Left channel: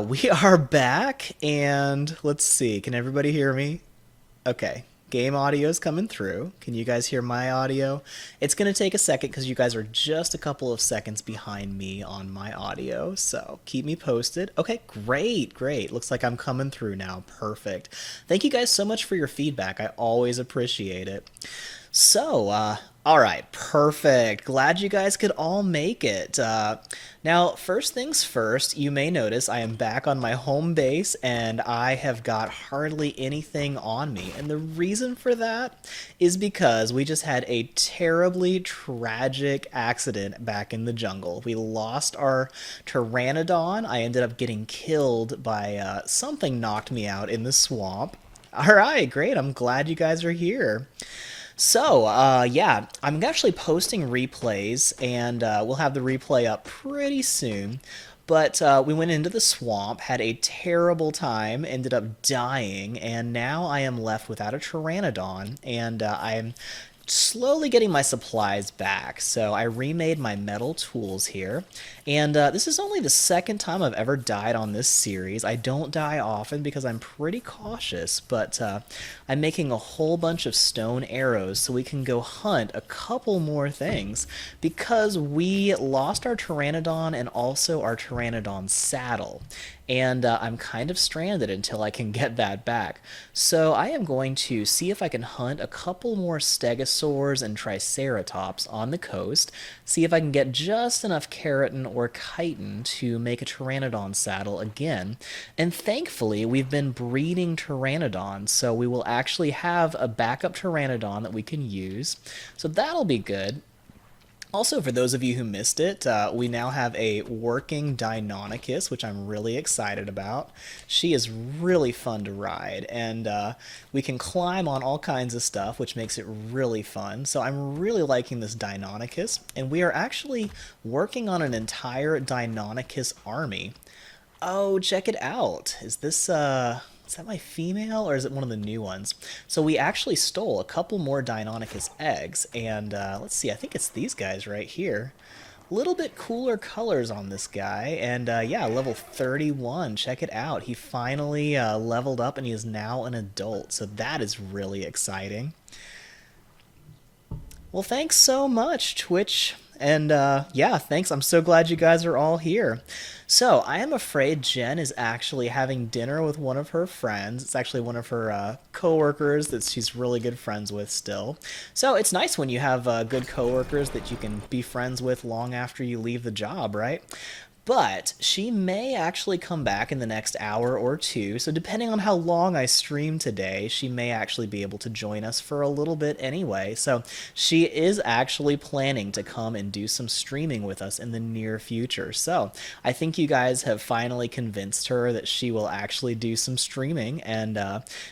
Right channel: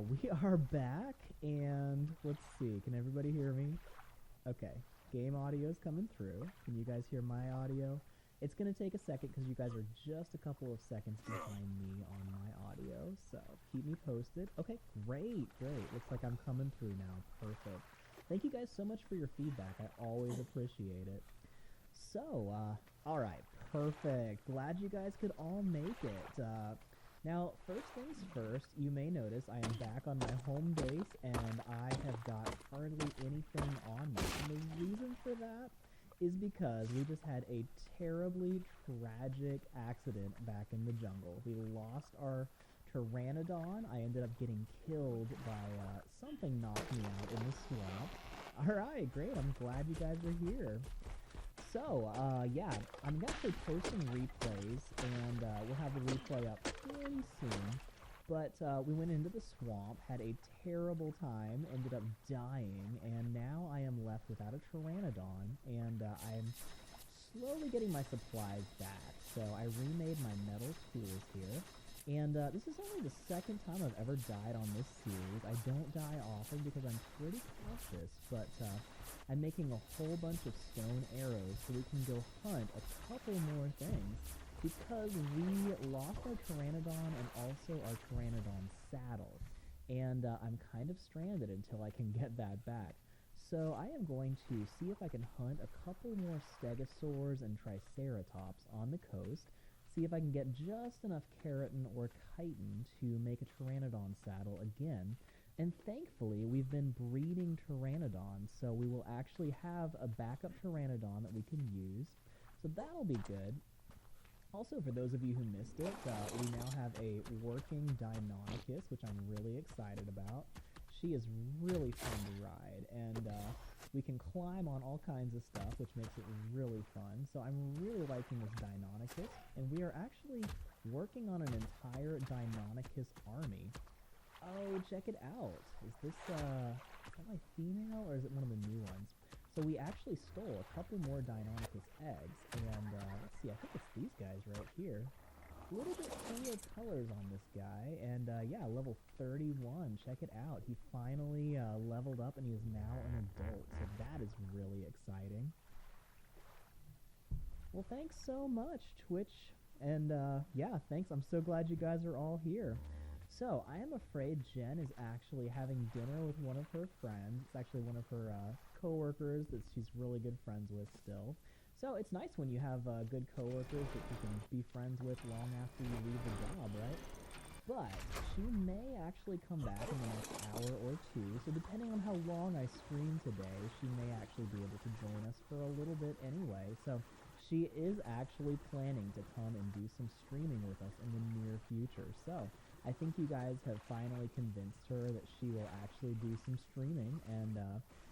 We are back, and let's see. Can everybody hear me? Okay. Game audio is coming through. Can you guys hear my audio? It's going to take a second because you guys are just a couple of seconds behind me on my audio, so keep me posted. Okay, great, great. Looks like I'm coming through now. Perfect. Thank you guys so much for your feedback. I always appreciate it. All right, perfect. Glad you guys could all make it. Now, first things first, you may notice I am back on my home base and I have got hardly anything on me. And the reason for that is because we just had a terribly tragic accident back in the jungle. We lost our Pteranodon. I ended up getting killed by something knocked me out in the swamp. All right, great. I'm glad you guys are here. Yeah, I'm actually posting replays, and we'll have the replay up pretty soon. But we went into the swamp, had a terrible time, ended up dying, and now I am left without a Pteranodon, and I'm slowly getting my supplies back. So I remade my metal tools here. And this is only the second time I've ever died on this series. I don't die often because I'm pretty cautious, but I'm making a whole bunch of stone arrows so we can go hunt a couple more things because we lost our Pteranodon and also our Pteranodon saddle. And I'm kind of stranded until I can get that back. So I am going to see if I can hunt a couple more stegosaurs and triceratops on the coast, see if I can get just enough keratin or chitin to make a Pteranodon saddle again. And thankfully, we've been breeding Pteranodons, so we will actually have a backup Pteranodon that we can use. So that'll be good. Also, for those of you who missed it, we now have a working Deinonychus, which I'm really excited about. She is really fun to ride, and we can climb on all kinds of stuff, which makes it really fun. So I'm really liking this Deinonychus, and we are actually working on an entire Deinonychus army. Oh, check it out. Is that my female or is it one of the new ones? So we actually stole a couple more Deinonychus eggs, and let's see, I think it's these guys right here. A little bit cooler colors on this guy, and yeah, level 31. Check it out. He finally leveled up, and he is now an adult, so that is really exciting. Well, thanks so much, Twitch. And yeah, thanks. I'm so glad you guys are all here. So, I am afraid Jen is actually having dinner with one of her friends. It's actually one of her coworkers that she's really good friends with still. So, it's nice when you have good coworkers that you can be friends with long after you leave the job, right? But she may actually come back in the next hour or two, so depending on how long I stream today, she may actually be able to join us for a little bit anyway. So she is actually planning to come and do some streaming with us in the near future. So I think you guys have finally convinced her that she will actually do some streaming, and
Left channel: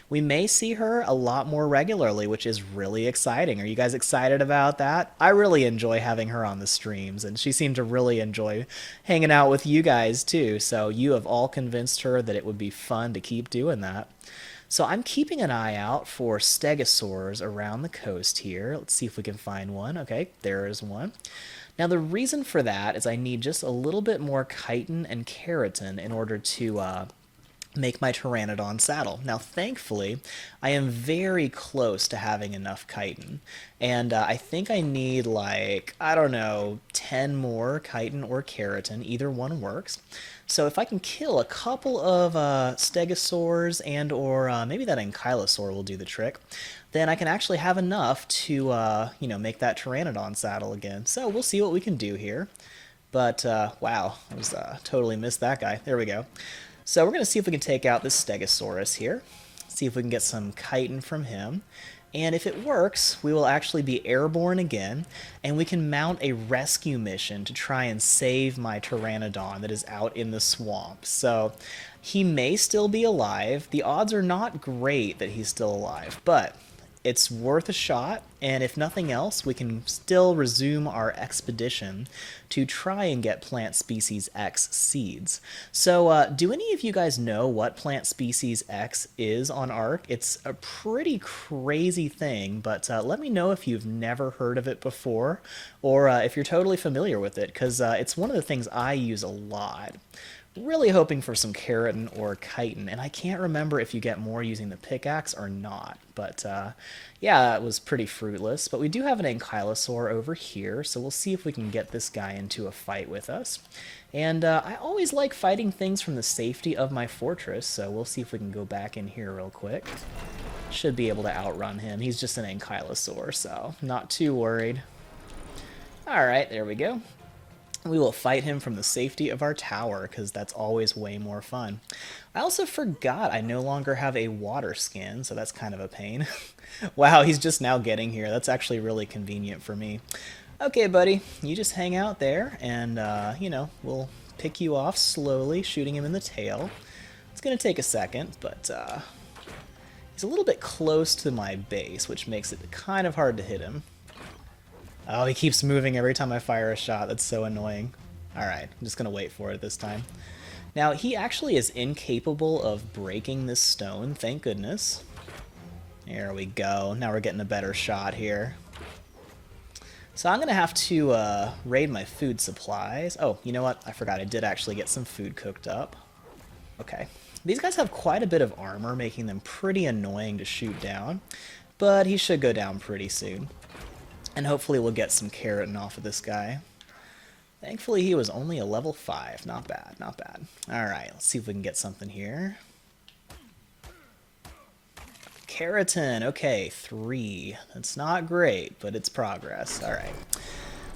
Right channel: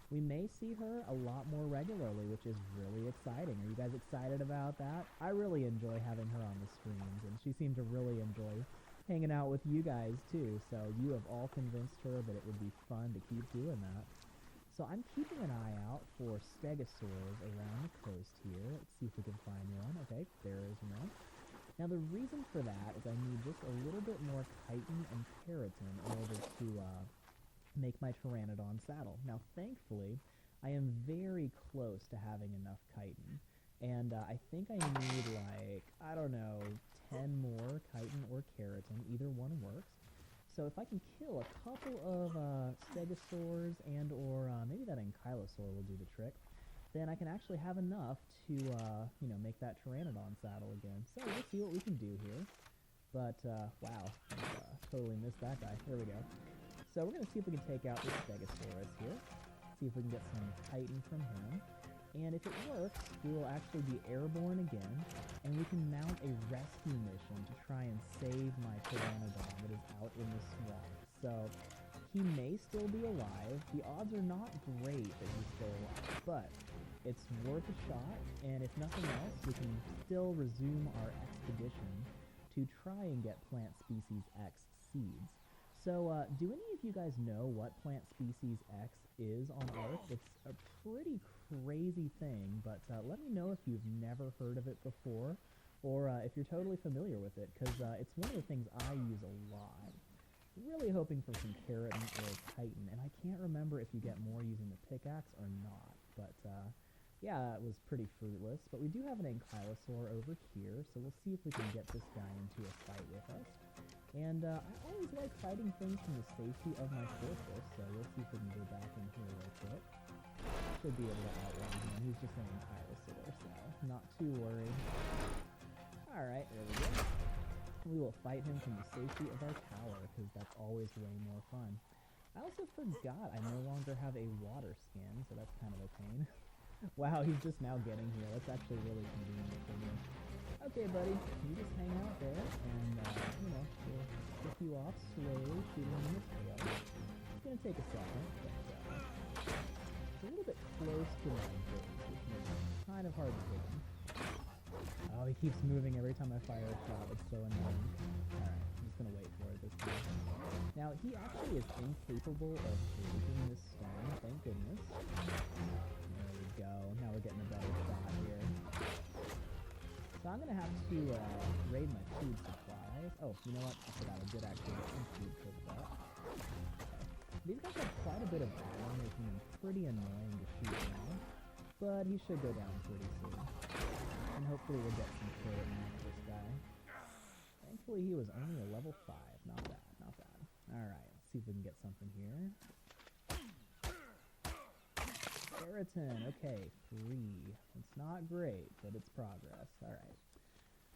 we may see her a lot more regularly, which is really exciting. Are you guys excited about that? I really enjoy having her on the streams, and she seemed to really enjoy hanging out with you guys too. So you have all convinced her that it would be fun to keep doing that. So I'm keeping an eye out for stegosaurs around the coast here. Let's see if we can find one. Okay, there is one. Now the reason for that is I need just a little bit more chitin and keratin in order to make my Pteranodon saddle. Now, thankfully, I am very close to having enough chitin, and I think I need like, I don't know, 10 more chitin or keratin. Either one works. So if I can kill a couple of stegosaurs and or maybe that ankylosaur will do the trick, then I can actually have enough to, make that Pteranodon saddle again. So we'll see what we can do here. But, wow, I just totally missed that guy. There we go. So we're going to see if we can take out this Stegosaurus here. See if we can get some chitin from him. And if it works, we will actually be airborne again, and we can mount a rescue mission to try and save my Pteranodon that is out in the swamp. So he may still be alive. The odds are not great that he's still alive, but it's worth a shot, and if nothing else, we can still resume our expedition to try and get plant species X seeds. So, do any of you guys know what plant species X is on Ark? It's a pretty crazy thing, but let me know if you've never heard of it before, or if you're totally familiar with it, because it's one of the things I use a lot. really hoping for some keratin or chitin, and I can't remember if you get more using the pickaxe or not, but yeah, it was pretty fruitless. But we do have an ankylosaur over here, so we'll see if we can get this guy into a fight with us. And I always like fighting things from the safety of my fortress, so we'll see if we can go back in here real quick. Should be able to outrun him. He's just an ankylosaur, so not too worried. Alright, there we go. We will fight him from the safety of our tower, because that's always way more fun. I also forgot I no longer have a water skin, so that's kind of a pain. Wow, he's just now getting here. That's actually really convenient for me. Okay, buddy, you just hang out there, and, you know, we'll pick you off slowly, shooting him in the tail. It's going to take a second, but he's a little bit close to my base, which makes it kind of hard to hit him. Oh, he keeps moving every time I fire a shot. That's so annoying. Alright, I'm just going to wait for it this time. Now, he actually is incapable of breaking this stone, thank goodness. There we go. Now we're getting a better shot here. So I'm going to have to raid my food supplies. Oh, you know what? I forgot. I did actually get some food cooked up. Okay. These guys have quite a bit of armor, making them pretty annoying to shoot down. But he should go down pretty soon. And hopefully we'll get some keratin off of this guy. Thankfully he was only a level 5. Not bad, not bad. Alright, let's see if we can get something here. Keratin, okay, 3. That's not great, but it's progress. Alright.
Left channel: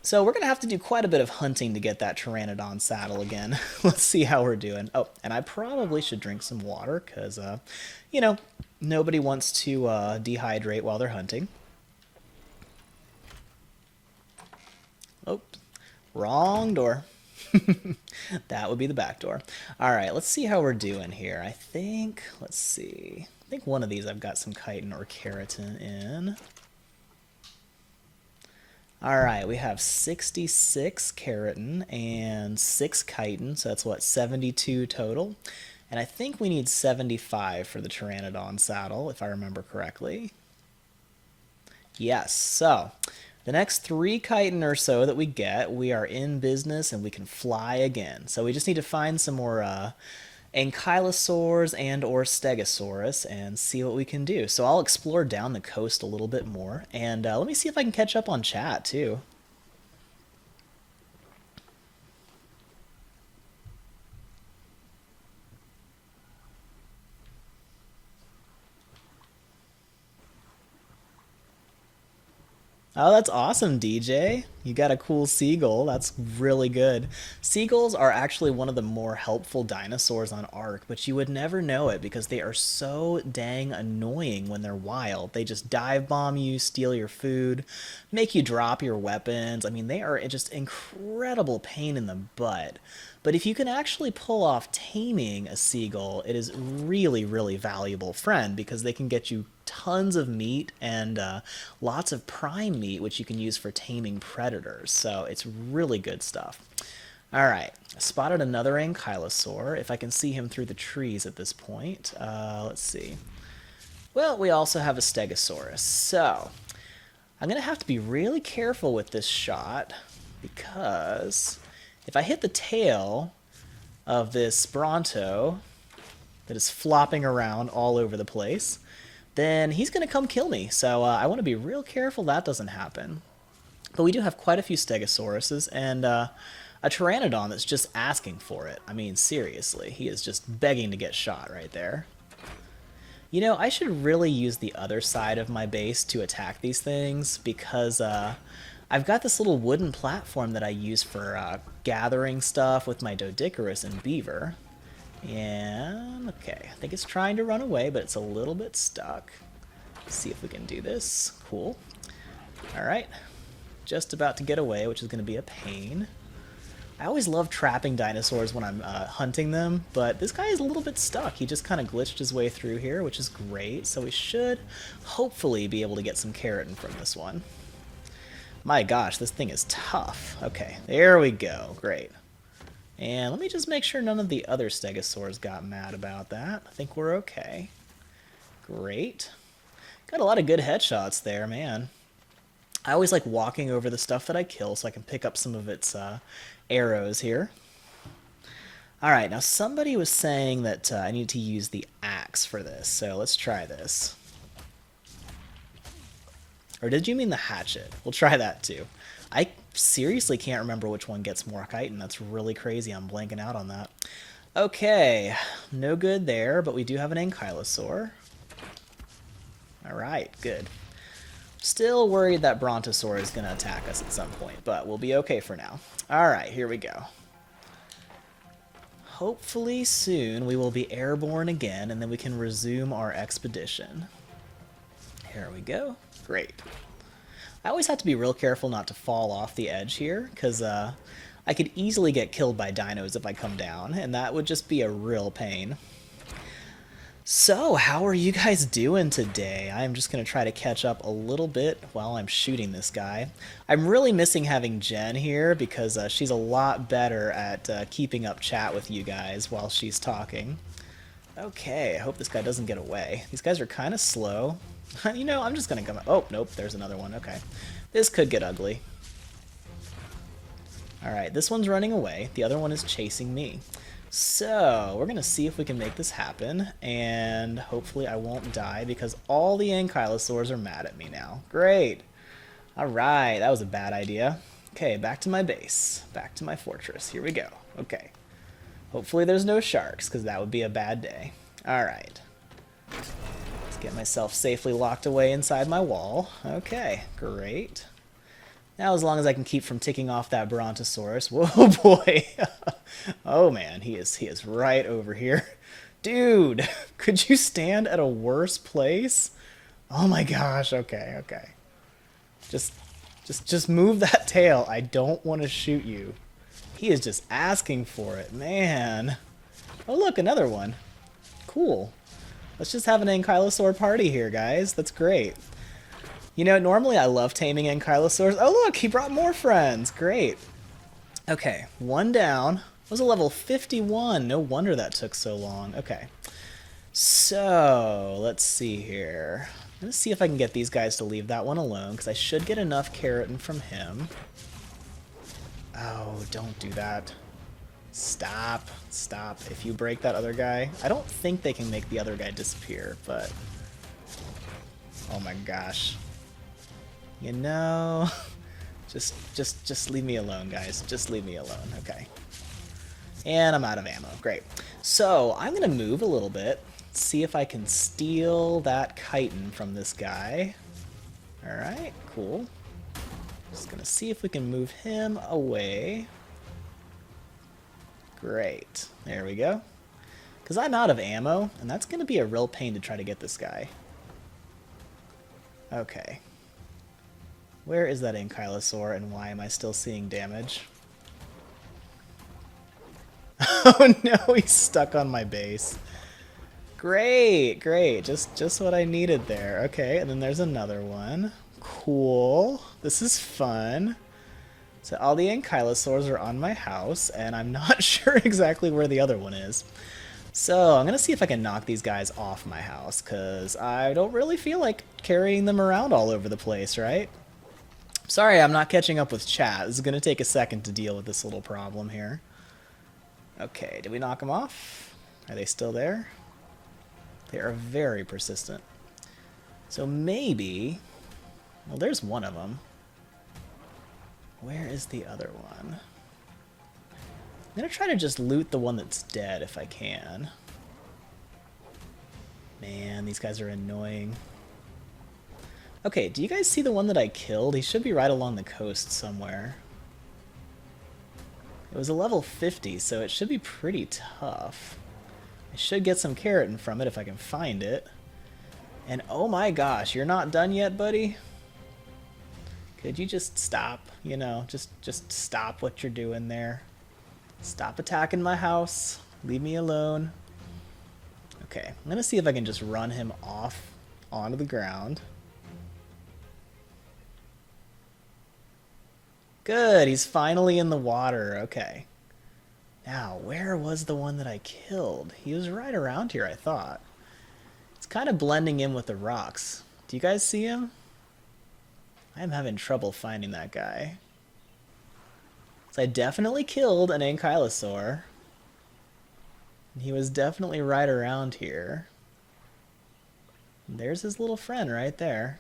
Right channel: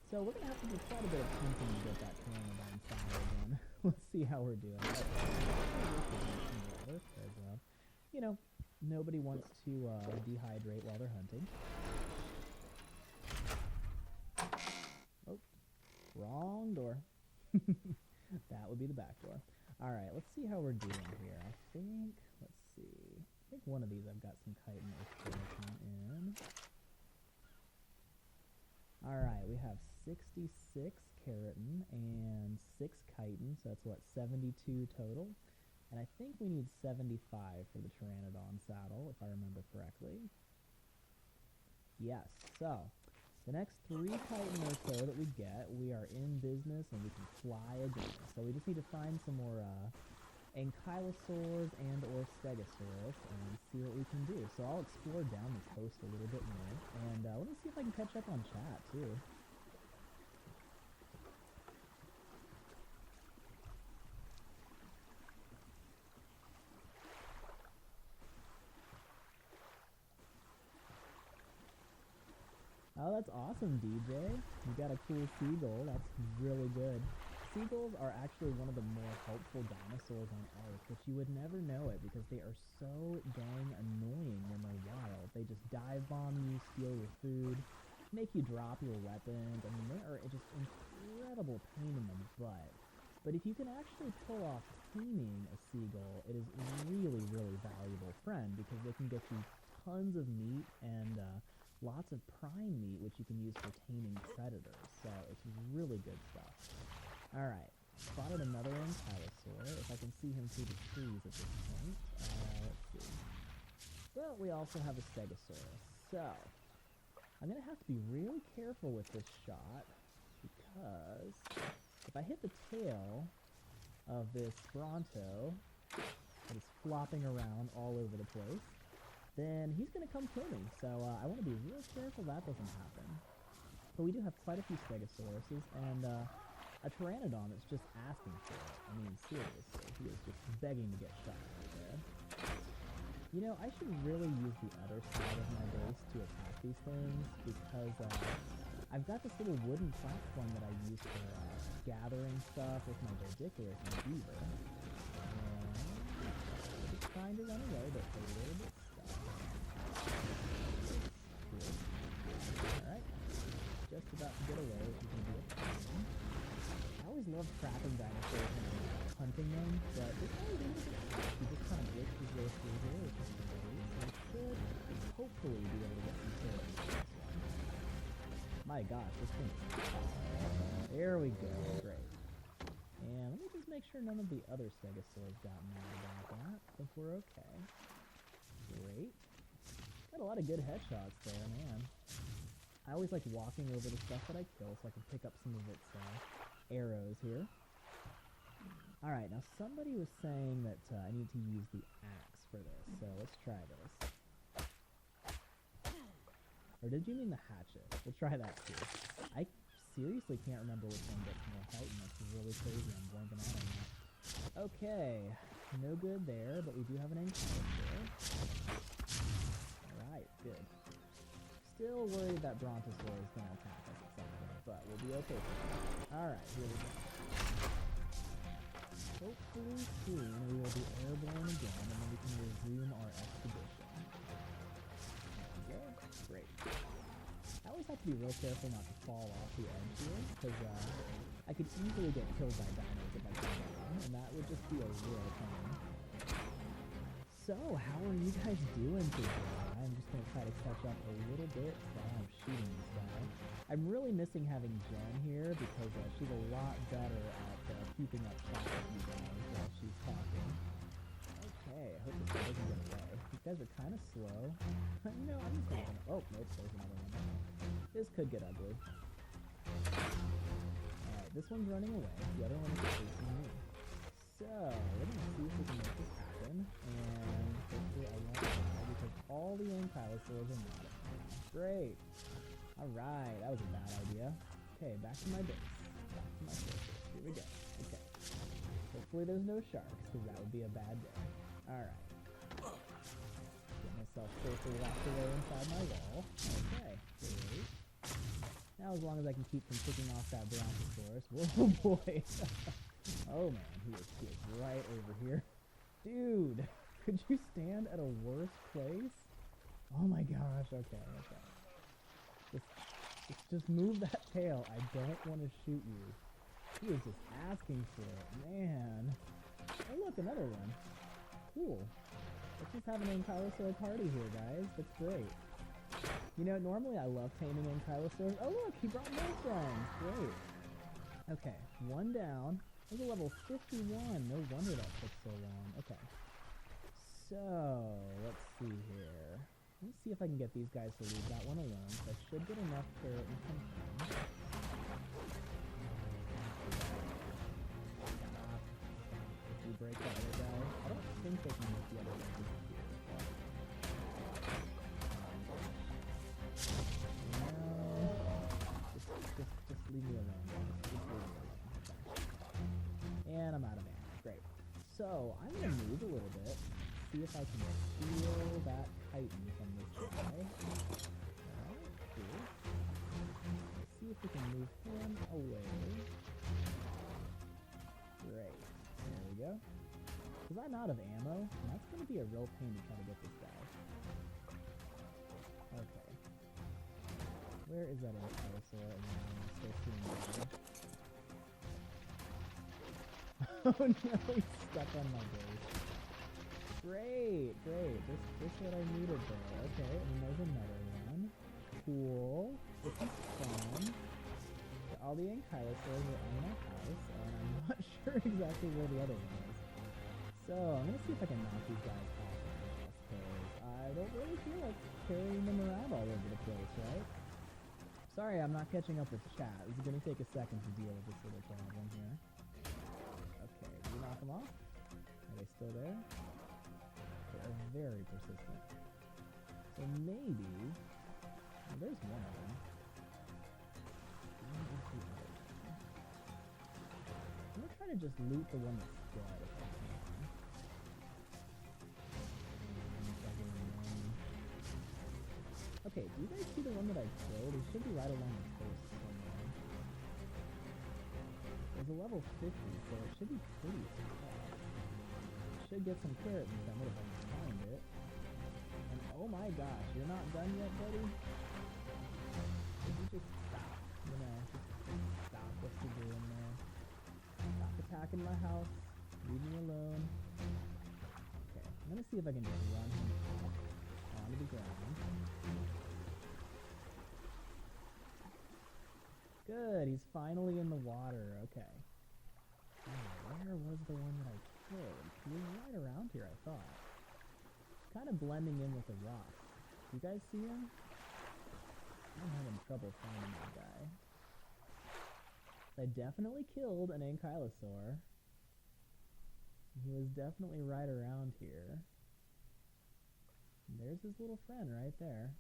So we're going to have to do quite a bit of hunting to get that Pteranodon saddle again. Let's see how we're doing. Oh, and I probably should drink some water, because, you know, nobody wants to dehydrate while they're hunting. Oh, wrong door. That would be the back door. Alright, let's see how we're doing here. I think, let's see. I think one of these I've got some chitin or keratin in. Alright, we have 66 keratin and 6 chitin, so that's what, 72 total? And I think we need 75 for the Pteranodon saddle, if I remember correctly. Yes, so the next 3 chitin or so that we get, we are in business and we can fly again. So we just need to find some more ankylosaurs and or stegosaurus and see what we can do. So I'll explore down the coast a little bit more, and let me see if I can catch up on chat too. Oh, that's awesome, DJ. You got a cool seagull. That's really good. Seagulls are actually one of the more helpful dinosaurs on Ark, but you would never know it because they are so dang annoying when they're wild. They just dive bomb you, steal your food, make you drop your weapons. I mean, they are just incredible pain in the butt. But if you can actually pull off taming a seagull, it is really, really valuable friend because they can get you tons of meat and lots of prime meat, which you can use for taming predators. So it's really good stuff. All right, I spotted another ankylosaur. If I can see him through the trees at this point. Let's see. Well, we also have a stegosaurus. So I'm going to have to be really careful with this shot because if I hit the tail of this Bronto that is flopping around all over the place, then he's going to come kill me. So I want to be real careful that doesn't happen. But we do have quite a few Stegosauruses and a Pteranodon that's just asking for it. I mean, seriously, he is just begging to get shot right there. You know, I should really use the other side of my base to attack these things because I've got this little wooden platform that I use for gathering stuff with my Doedicurus and Beaver. And, okay, I think it's trying to run away, but it's a little bit stuck. Let's see if we can do this. Cool. Alright. Just about to get away, which is going to be a pain. I always love trapping dinosaurs when I'm hunting them, but this guy is a little bit stuck. He just kind of glitched his way through here, which is great. So we should hopefully be able to get some keratin from this one. My gosh, this thing is tough. Okay, there we go. Great. And let me just make sure none of the other stegosaurs got mad about that. I think we're okay. Great. Got a lot of good headshots there, man. I always like walking over the stuff that I kill so I can pick up some of its arrows here. Alright, now somebody was saying that I need to use the axe for this, so let's try this. Or did you mean the hatchet? We'll try that too. I seriously can't remember which one gets more chitin. That's really crazy. I'm blanking out on that. Okay, no good there, but we do have an ankylosaur. Alright, good. Still worried that brontosaur is going to attack us at some point, but we'll be okay for now. Alright, here we go. Hopefully soon we will be airborne again, and then we can resume our expedition. Here we go. Great. I always have to be real careful not to fall off the edge here, because I could easily get killed by dinos if I come down, and that would just be a real pain. So, how are you guys doing today? I'm just going to try to catch up a little bit while I'm shooting this guy. I'm really missing having Jen here because she's a lot better at keeping up chat with you guys while she's talking. Okay, I hope this guy doesn't get away. These guys are kind of slow. You know, I'm just going to come... Oh, nope, there's another one. Okay. This could get ugly. Alright, this one's running away. The other one is chasing me. So, we're going to see if we can make this happen, and hopefully I won't die because all the ankylosaurs are mad at me now. Great! Alright, that was a bad idea. Okay, back to my base. Back to my fortress. Here we go. Okay. Hopefully there's no sharks, because that would be a bad day. Alright. Let's get myself safely locked away inside my wall. Okay, great. Now, as long as I can keep from ticking off that brontosaurus. Whoa, boy. Oh, man, he is right over here. Dude, could you stand at a worse place? Oh, my gosh. Okay, okay. Just move that tail. I don't want to shoot you. He is just asking for it, man. Oh, look, another one. Cool. Let's just have an ankylosaur party here, guys. That's great. You know, normally I love taming ankylosaurs. Oh, look, he brought more friends. Great. Okay, one down. It was a level 51. No wonder that took so long. Okay. So, let's see here. I'm going to see if I can get these guys to leave that one alone, because I should get enough keratin from him. Oh, don't do that. Stop. Stop. If you break that other guy... I don't think they can make the other guy disappear, but... Oh my gosh. You know... Just leave me alone, guys. Just leave me alone. Okay. And I'm out of ammo. Great. So, I'm going to move a little bit. See if I can steal that chitin from this guy. Alright, cool. Just going to see if we can move him away. Great. There we go. Because I'm out of ammo, and that's going to be a real pain to try to get this guy. Okay. Where is that ankylosaur, and why am I still seeing damage? Oh no, he's stuck on my base. Great, great. Just what I needed there. Okay, and then there's another one. Cool. This is fun. So all the ankylosaurs are on my house, and I'm not sure exactly where the other one is. So I'm going to see if I can knock these guys off my house, because I don't really feel like carrying them around all over the place, right? Sorry, I'm not catching up with chat. This is going to take a second to deal with this little problem here. Okay, did we knock them off? Are they still there? They are very persistent. So maybe... Well, there's one of them. Where is the other one? I'm going to try to just loot the one that's dead if I can. Man, these guys are annoying. Okay, do you guys see the one that I killed? He should be right along the coast somewhere. It was a level 50, so it should be pretty tough. I should get some keratin from it if I can find it. And oh my gosh, you're not done yet, buddy? Could you just stop? You know, just stop what you're doing there. Stop attacking my house. Leave me alone. Okay, I'm gonna see if I can just run him off onto the ground. Good, he's finally in the water. Okay. Now, where was the one that I killed? He was right around here, I thought. It's kind of blending in with the rocks. Do you guys see him? I'm having trouble finding that guy. So I definitely killed an ankylosaur. He was definitely right around here. There's his little friend right there.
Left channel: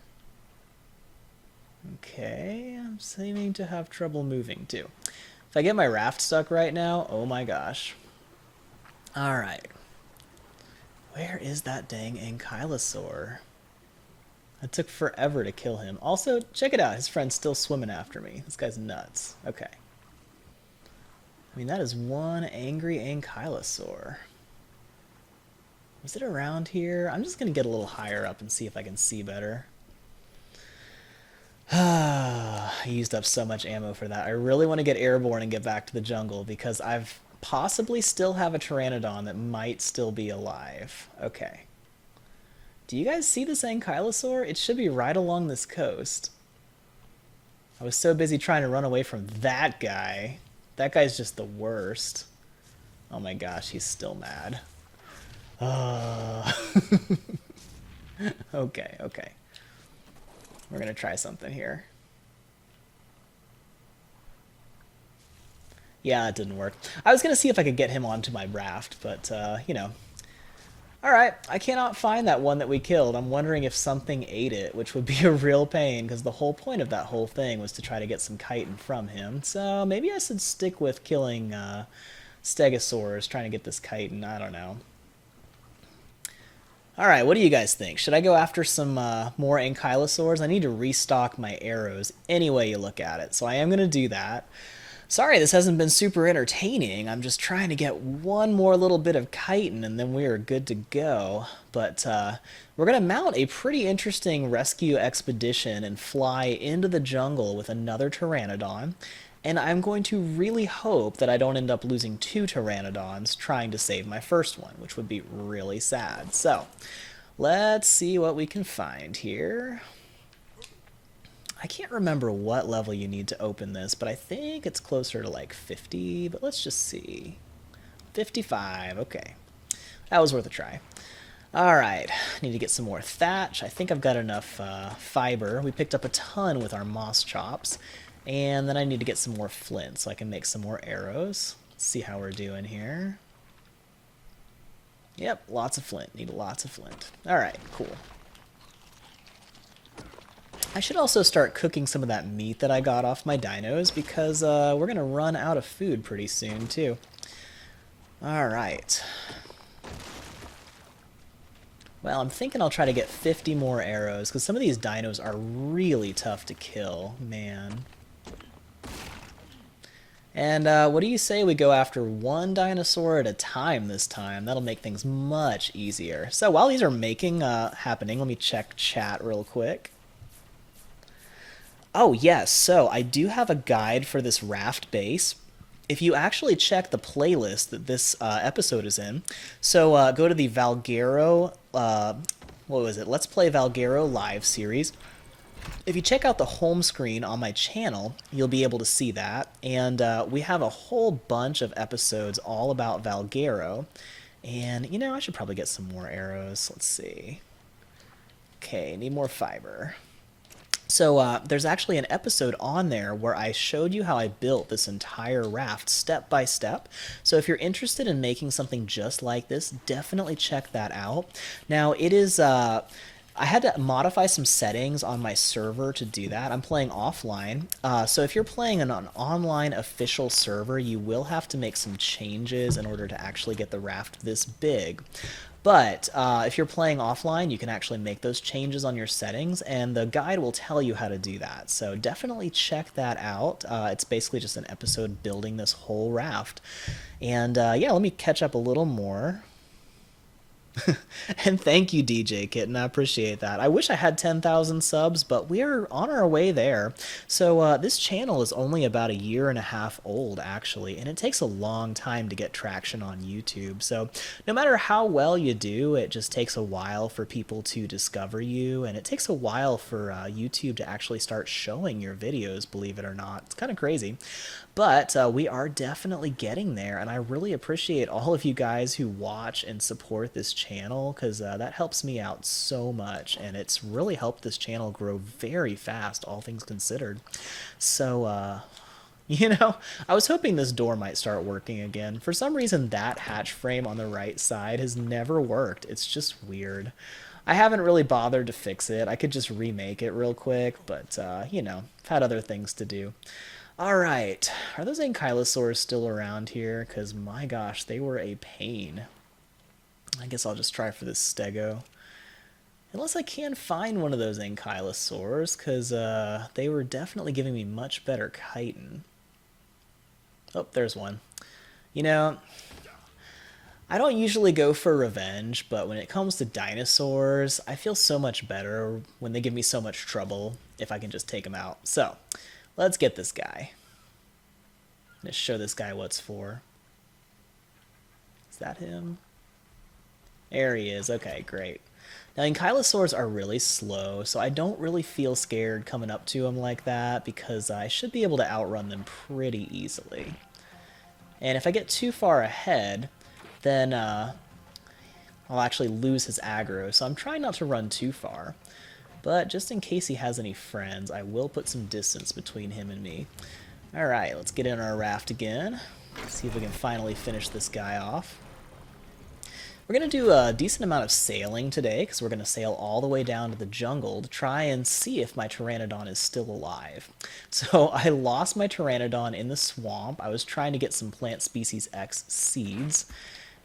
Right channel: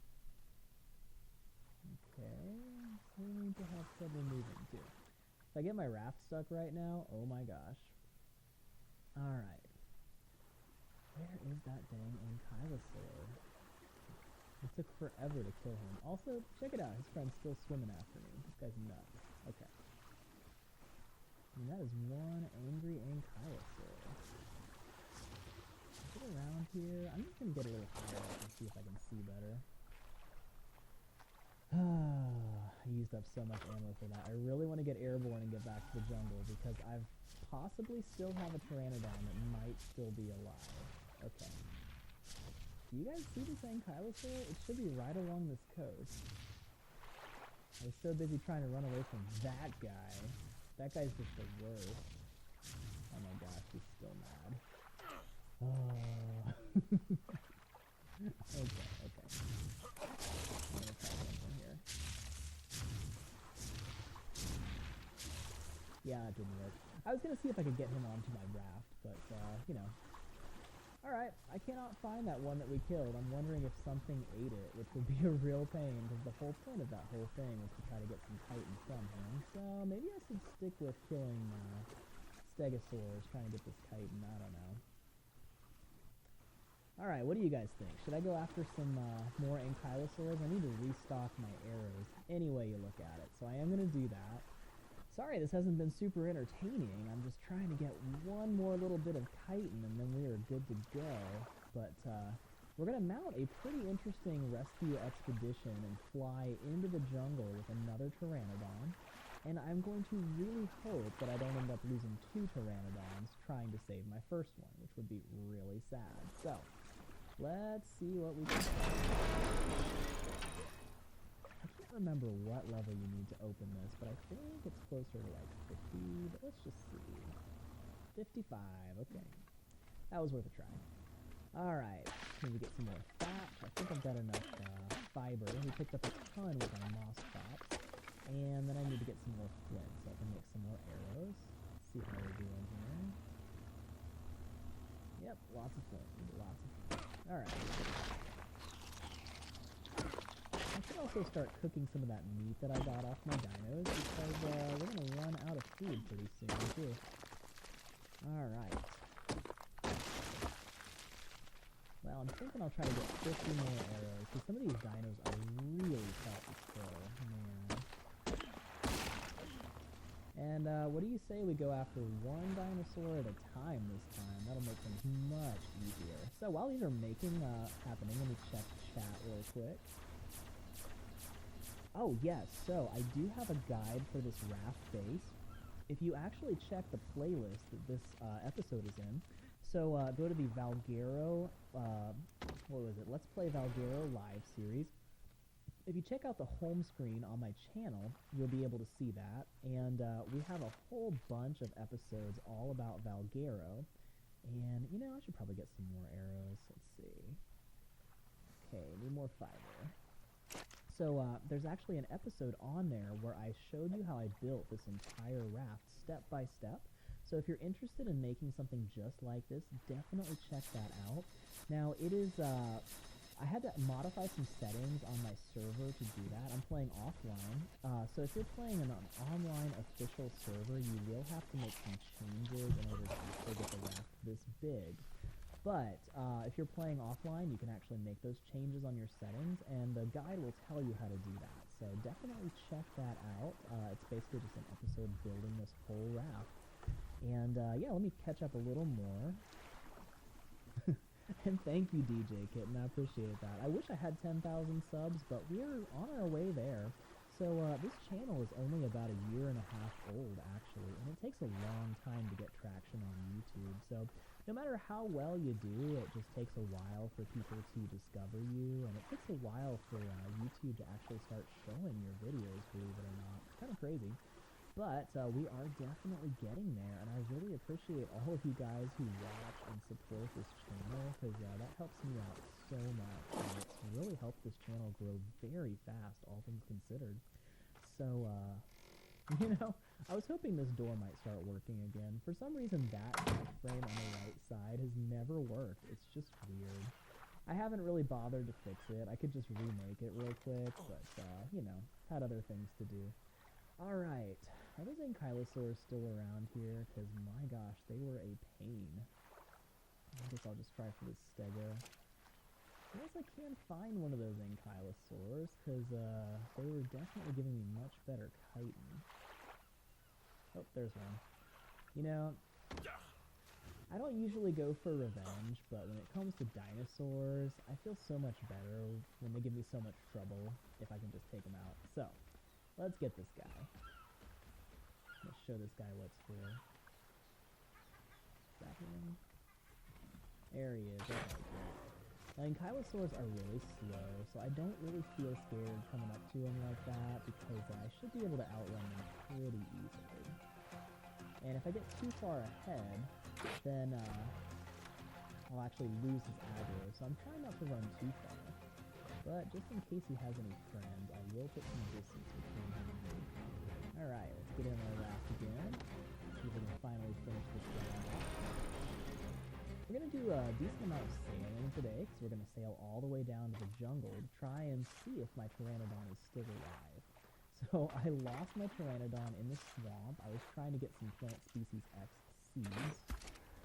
Okay, I'm seeming to have trouble moving too. If I get my raft stuck right now, oh my gosh. Alright. Where is that dang ankylosaur? It took forever to kill him. Also, check it out. His friend's still swimming after me. This guy's nuts. Okay. I mean, that is one angry ankylosaur. Is it around here? I'm just going to get a little higher up and see if I can see better. I used up so much ammo for that. I really want to get airborne and get back to the jungle because I've possibly still have a Pteranodon that might still be alive. Okay. Do you guys see this ankylosaur? It should be right along this coast. I was so busy trying to run away from that guy. That guy's just the worst. Oh my gosh, he's still mad. Okay, okay. We're gonna try something here. Yeah, it didn't work. I was gonna see if I could get him onto my raft, but, you know. Alright, I cannot find that one that we killed. I'm wondering if something ate it, which would be a real pain, because the whole point of that whole thing was to try to get some chitin from him. So maybe I should stick with killing stegosaurs, trying to get this chitin. I don't know. Alright, what do you guys think? Should I go after some more ankylosaurs? I need to restock my arrows any way you look at it, so I am going to do that. Sorry this hasn't been super entertaining. I'm just trying to get one more little bit of chitin and then we are good to go. But we're going to mount a pretty interesting rescue expedition and fly into the jungle with another Pteranodon. And I'm going to really hope that I don't end up losing two Pteranodons trying to save my first one, which would be really sad. So, let's see what we can find here. I can't remember what level you need to open this, but I think it's closer to like 50, but let's just see. 55, okay. That was worth a try. Alright, need to get some more thatch. I think I've got enough fiber. We picked up a ton with our moss chops. And then I need to get some more flint so I can make some more arrows. Let's see how we're doing here. Yep, lots of flint. Need lots of flint. Alright, cool. I should also start cooking some of that meat that I got off my dinos because we're going to run out of food pretty soon too. Alright. Well, I'm thinking I'll try to get 50 more arrows because some of these dinos are really tough to kill, man. And what do you say we go after one dinosaur at a time this time? That'll make things much easier. So while these are happening, let me check chat real quick. Oh yes, so I do have a guide for this raft base. If you actually check the playlist that this episode is in, so go to the Valguero, what was it? Let's Play Valguero live series. If you check out the home screen on my channel, you'll be able to see that. And we have a whole bunch of episodes all about Valguero. And, you know, I should probably get some more arrows. Let's see. Okay, need more fiber. So there's actually an episode on there where I showed you how I built this entire raft step by step. So if you're interested in making something just like this, definitely check that out. Now, it is... I had to modify some settings on my server to do that. I'm playing offline. So if you're playing on an online official server, you will have to make some changes in order to actually get the raft this big. But if you're playing offline, you can actually make those changes on your settings, and the guide will tell you how to do that. So definitely check that out. It's basically just an episode building this whole raft. And yeah, let me catch up a little more. And thank you, DJ Kitten. I appreciate that. I wish I had 10,000 subs, but we are on our way there. So this channel is only about 1.5 years old, actually, and it takes a long time to get traction on YouTube. So no matter how well you do, it just takes a while for people to discover you, and it takes a while for YouTube to actually start showing your videos, believe it or not. It's kind of crazy. But we are definitely getting there, and I really appreciate all of you guys who watch and support this channel, because that helps me out so much, and it's really helped this channel grow very fast, all things considered. So You know, I was hoping this door might start working again. For some reason, that hatch frame on the right side has never worked. It's just weird. I haven't really bothered to fix it. I could just remake it real quick, but, you know, I've had other things to do. All right. Are those ankylosaurs still around here? Because, my gosh, they were a pain. I guess I'll just try for this stego. Unless I can find one of those ankylosaurs, because they were definitely giving me much better chitin. Oh, there's one. You know, I don't usually go for revenge, but when it comes to dinosaurs, I feel so much better when they give me so much trouble if I can just take them out. So, let's get this guy. Let's show this guy what's for. Is that him? There he is. Okay, great. Now, ankylosaurs are really slow, so I don't really feel scared coming up to them like that because I should be able to outrun them pretty easily. And if I get too far ahead, then I'll actually lose his aggro, so I'm trying not to run too far. But just in case he has any friends, I will put some distance between him and me. Alright, let's get in our raft again. See if we can finally finish this guy off. We're going to do a decent amount of sailing today, because we're going to sail all the way down to the jungle to try and see if my Pteranodon is still alive. So I lost my Pteranodon in the swamp. I was trying to get some plant species X seeds,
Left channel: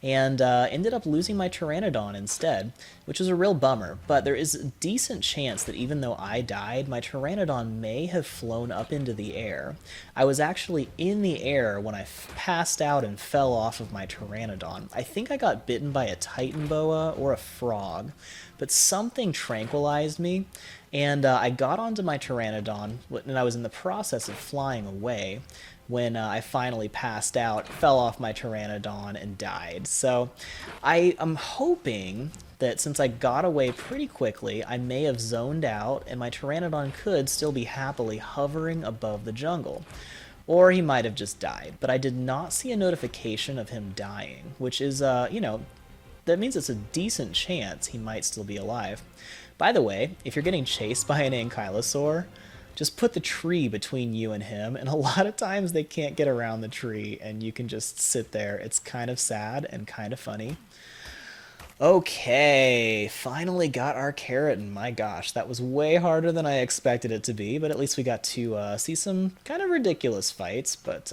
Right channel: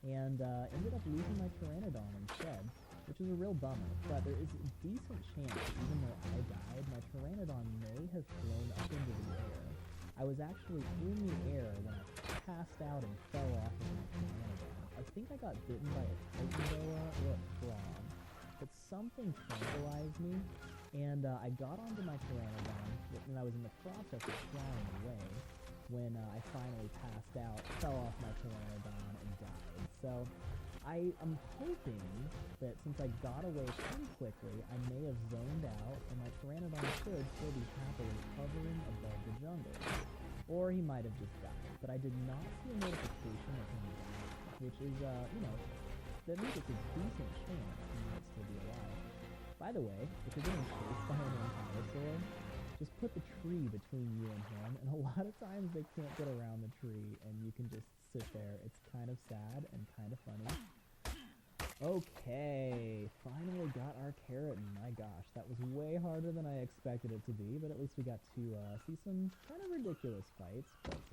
and ended up losing my Pteranodon instead, which was a real bummer. But there is a decent chance that even though I died, my Pteranodon may have flown up into the air. I was actually in the air when I passed out and fell off of my Pteranodon. I think I got bitten by a Titan boa or a frog, but something tranquilized me, and I got onto my Pteranodon, and I was in the process of flying away when I finally passed out, fell off my Pteranodon, and died. So I am hoping that since I got away pretty quickly, I may have zoned out, and my Pteranodon could still be happily hovering above the jungle. Or he might have just died, but I did not see a notification of him dying, which is, you know, that means it's a decent chance he might still be alive. By the way, if you're getting chased by an ankylosaur, just put the tree between you and him, and a lot of times they can't get around the tree, and you can just sit there. It's kind of sad and kind of funny. Okay, finally got our keratin. My gosh, that was way harder than I expected it to be, but at least we got to see some kind of ridiculous fights, but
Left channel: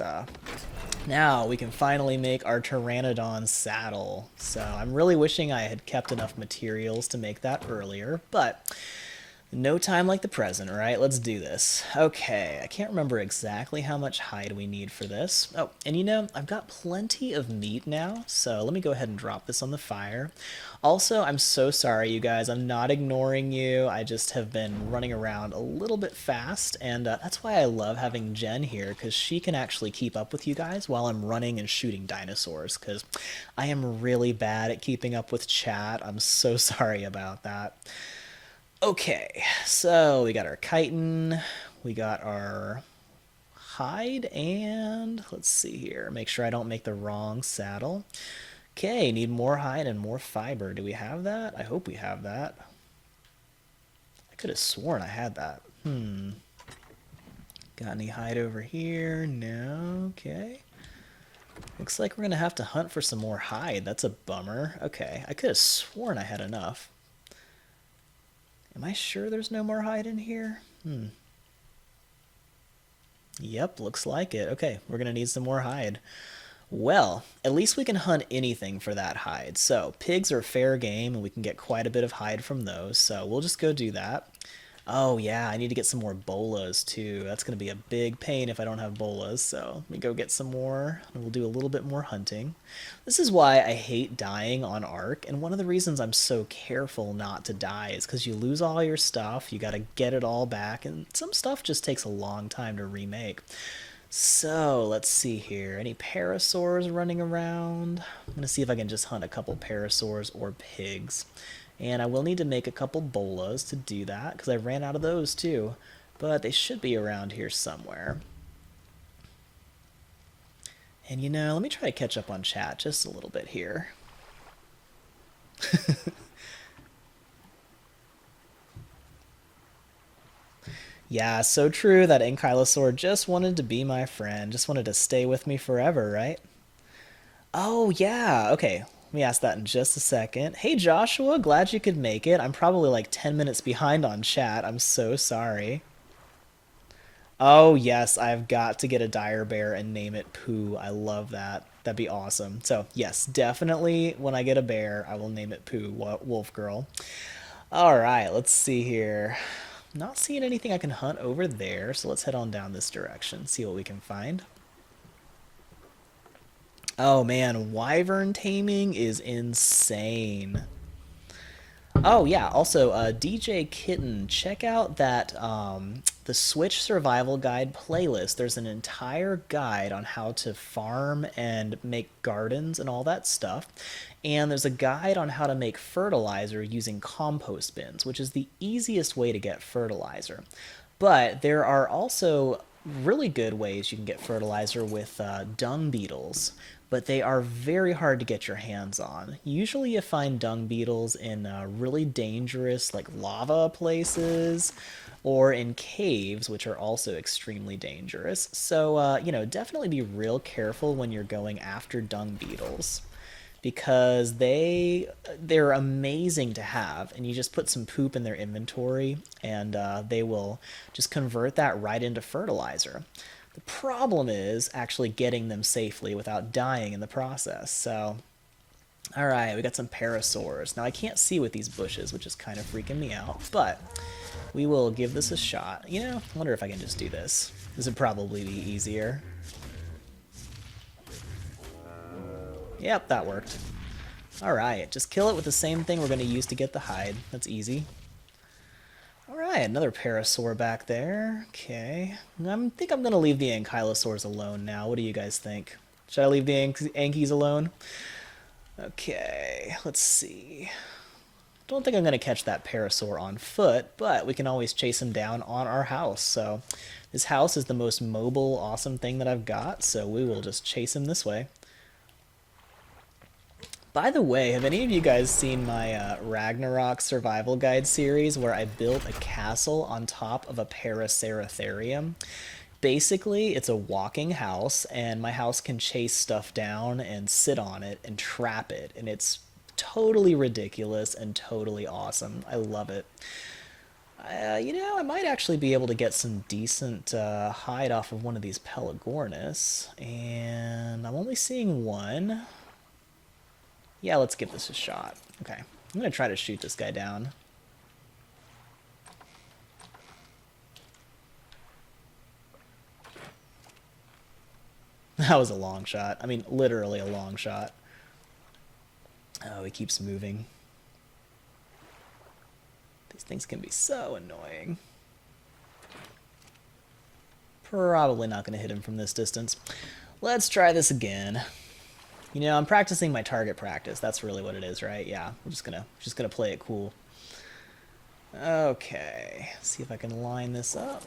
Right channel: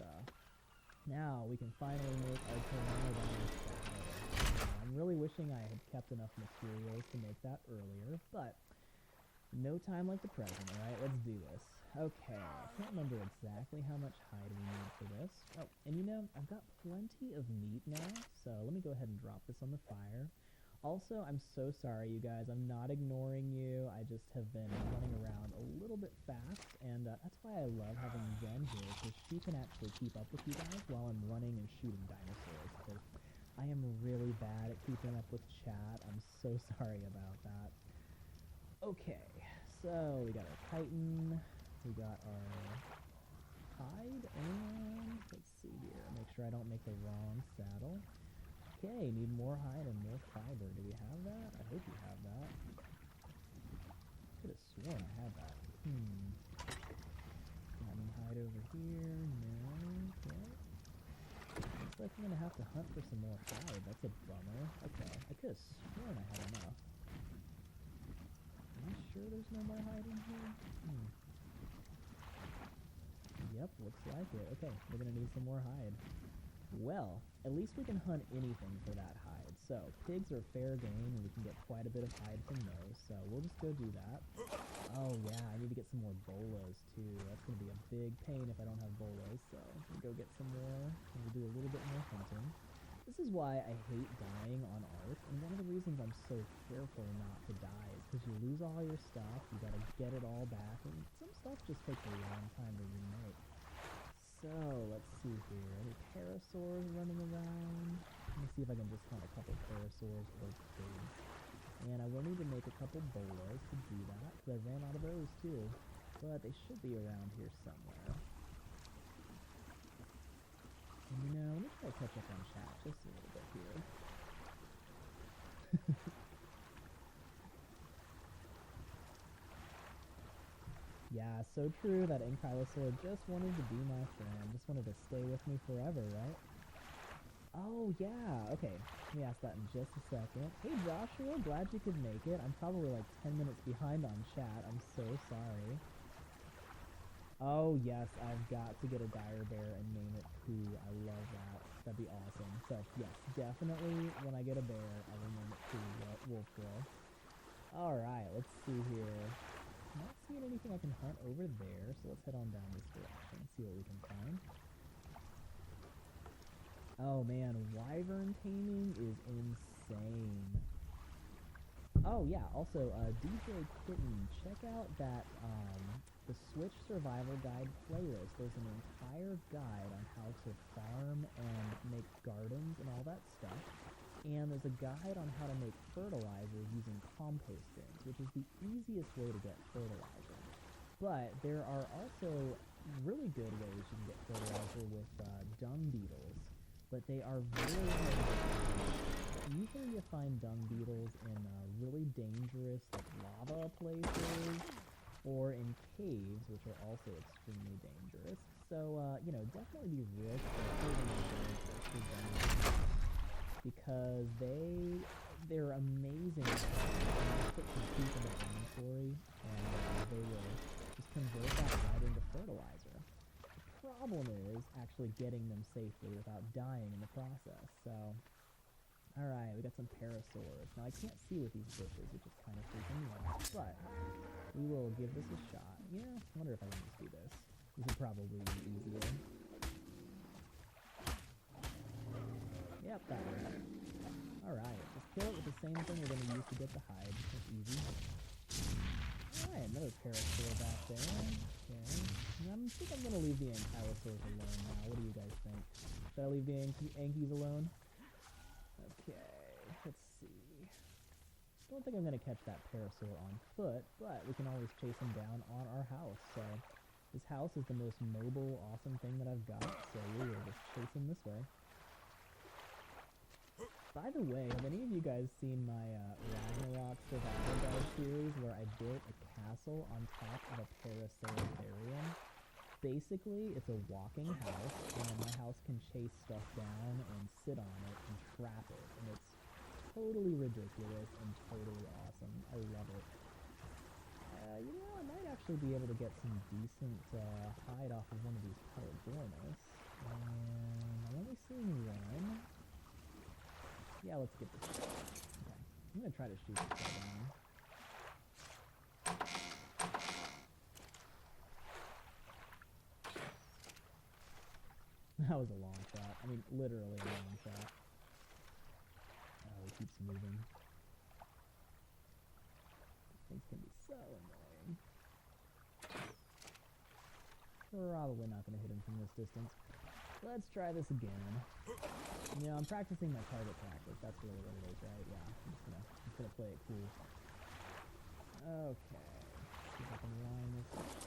now we can finally make our Pteranodon saddle. So I'm really wishing I had kept enough materials to make that earlier, but no time like the present, right? Let's do this. Okay, I can't remember exactly how much hide we need for this. Oh, and you know, I've got plenty of meat now, so let me go ahead and drop this on the fire. Also, I'm so sorry, you guys. I'm not ignoring you. I just have been running around a little bit fast, and that's why I love having Jen here, because she can actually keep up with you guys while I'm running and shooting dinosaurs, because I am really bad at keeping up with chat. I'm so sorry about that. Okay, so we got our chitin, we got our hide, and let's see here. Make sure I don't make the wrong saddle. Okay, need more hide and more fiber. Do we have that? I hope we have that. I could have sworn I had that. Got any hide over here? No, okay. Looks like we're gonna have to hunt for some more hide. That's a bummer. Okay, I could have sworn I had enough. Am I sure there's no more hide in here? Yep, looks like it. Okay, we're gonna need some more hide. Well, at least we can hunt anything for that hide. So, pigs are fair game, and we can get quite a bit of hide from those, so we'll just go do that. Oh yeah, I need to get some more bolas too. That's going to be a big pain if I don't have bolas, so let me go get some more, and we'll do a little bit more hunting. This is why I hate dying on Ark, and one of the reasons I'm so careful not to die is because you lose all your stuff, you got to get it all back, and some stuff just takes a long time to remake. So, let's see here. Any parasaurs running around? I'm going to see if I can just hunt a couple parasaurs or pigs. And I will need to make a couple bolas to do that, because I ran out of those too. But they should be around here somewhere. And you know, let me try to catch up on chat just a little bit here. Yeah, so true. That ankylosaur just wanted to be my friend, just wanted to stay with me forever, right? Oh, yeah. Okay. Let me ask that in just a second. Hey, Joshua, glad you could make it. I'm probably like 10 minutes behind on chat. I'm so sorry. Oh, yes, I've got to get a dire bear and name it Pooh. I love that. That'd be awesome. So, yes, definitely when I get a bear, I will name it Pooh, Wolf Girl. All right, let's see here. Not seeing anything I can hunt over there, so let's head on down this direction, see what we can find. Oh man, wyvern taming is insane. Oh yeah, also DJ Kitten, check out that the Switch Survival Guide playlist. There's an entire guide on how to farm and make gardens and all that stuff. And there's a guide on how to make fertilizer using compost bins, which is the easiest way to get fertilizer. But there are also really good ways you can get fertilizer with dung beetles, but they are very hard to get your hands on. Usually you find dung beetles in really dangerous, like lava places, or in caves, which are also extremely dangerous. So, definitely be real careful when you're going after dung beetles because they're amazing to have, and you just put some poop in their inventory and they will just convert that right into fertilizer. The problem is actually getting them safely without dying in the process. So all right, we got some parasaurs. Now I can't see with these bushes, which is kind of freaking me out, but we will give this a shot. I wonder if I can just do this. This would probably be easier. Yep, that worked. Alright, just kill it with the same thing we're going to use to get the hide. That's easy. Alright, another parasaur back there. Okay. I think I'm going to leave the ankylosaurs alone now. What do you guys think? Should I leave the ankies alone? Okay, let's see. Don't think I'm going to catch that parasaur on foot, but we can always chase him down on our house. So this house is the most mobile, awesome thing that I've got, so we will just chase him this way. By the way, have any of you guys seen my Ragnarok survival guide series where I built a castle on top of a Paraceratherium? Basically, it's a walking house, and my house can chase stuff down and sit on it and trap it, and it's totally ridiculous and totally awesome. I love it. I might actually be able to get some decent hide off of one of these Pelagornis, and I'm only seeing one. Yeah, let's give this a shot. Okay, I'm gonna try to shoot this guy down. That was a long shot. I mean, literally a long shot. Oh, he keeps moving. These things can be so annoying. Probably not gonna hit him from this distance. Let's try this again. I'm practicing my target practice. That's really what it is, right? Yeah, I'm just gonna play it cool. Okay, see if I can line this up.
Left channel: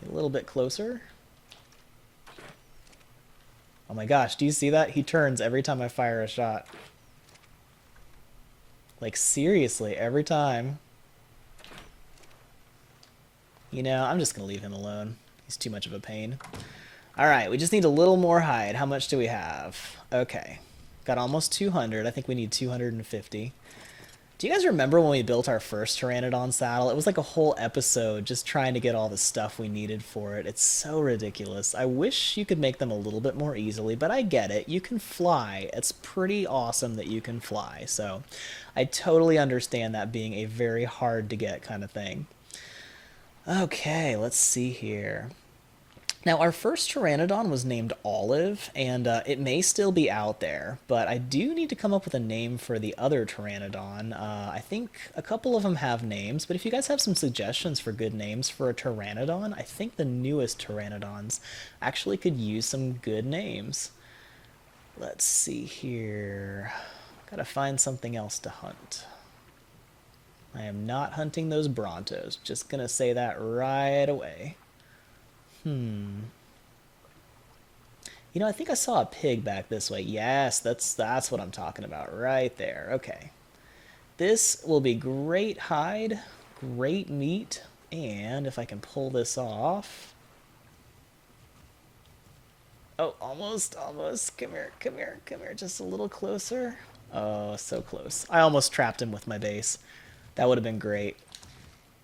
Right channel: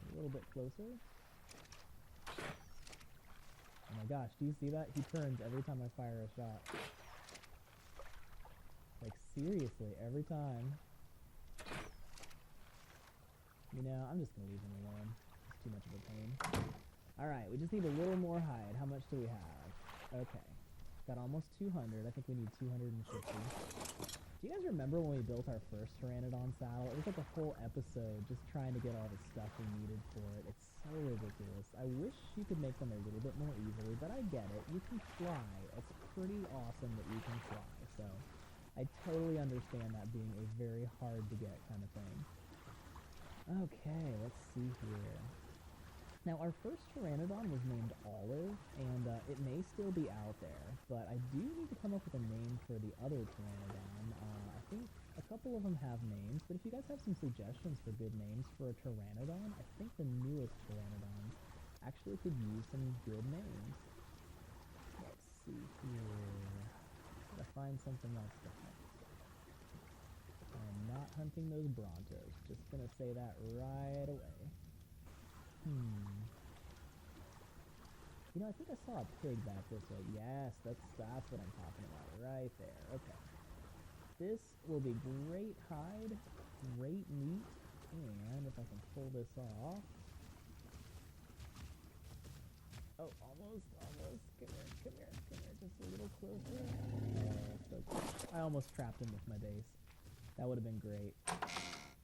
Get a little bit closer. Oh my gosh, do you see that? He turns every time I fire a shot. Like, seriously, every time. I'm just gonna leave him alone. He's too much of a pain. Alright, we just need a little more hide. How much do we have? Okay. Got almost 200. I think we need 250. Do you guys remember when we built our first Pteranodon saddle? It was like a whole episode just trying to get all the stuff we needed for it. It's so ridiculous. I wish you could make them a little bit more easily, but I get it. You can fly. It's pretty awesome that you can fly. So I totally understand that being a very hard to get kind of thing. Okay, let's see here. Now, our first Pteranodon was named Olive, and it may still be out there, but I do need to come up with a name for the other Pteranodon. I think a couple of them have names, but if you guys have some suggestions for good names for a Pteranodon, I think the newest Pteranodons actually could use some good names. Let's see here. Gotta find something else to hunt. I am not hunting those Brontos. Just gonna say that right away. I think I saw a pig back this way. Yes, that's what I'm talking about right there. Okay. This will be great hide, great meat. And if I can pull this off... Oh, almost, almost. Come here, come here, come here. Just a little closer. Oh, so close. I almost trapped him with my base. That would have been great.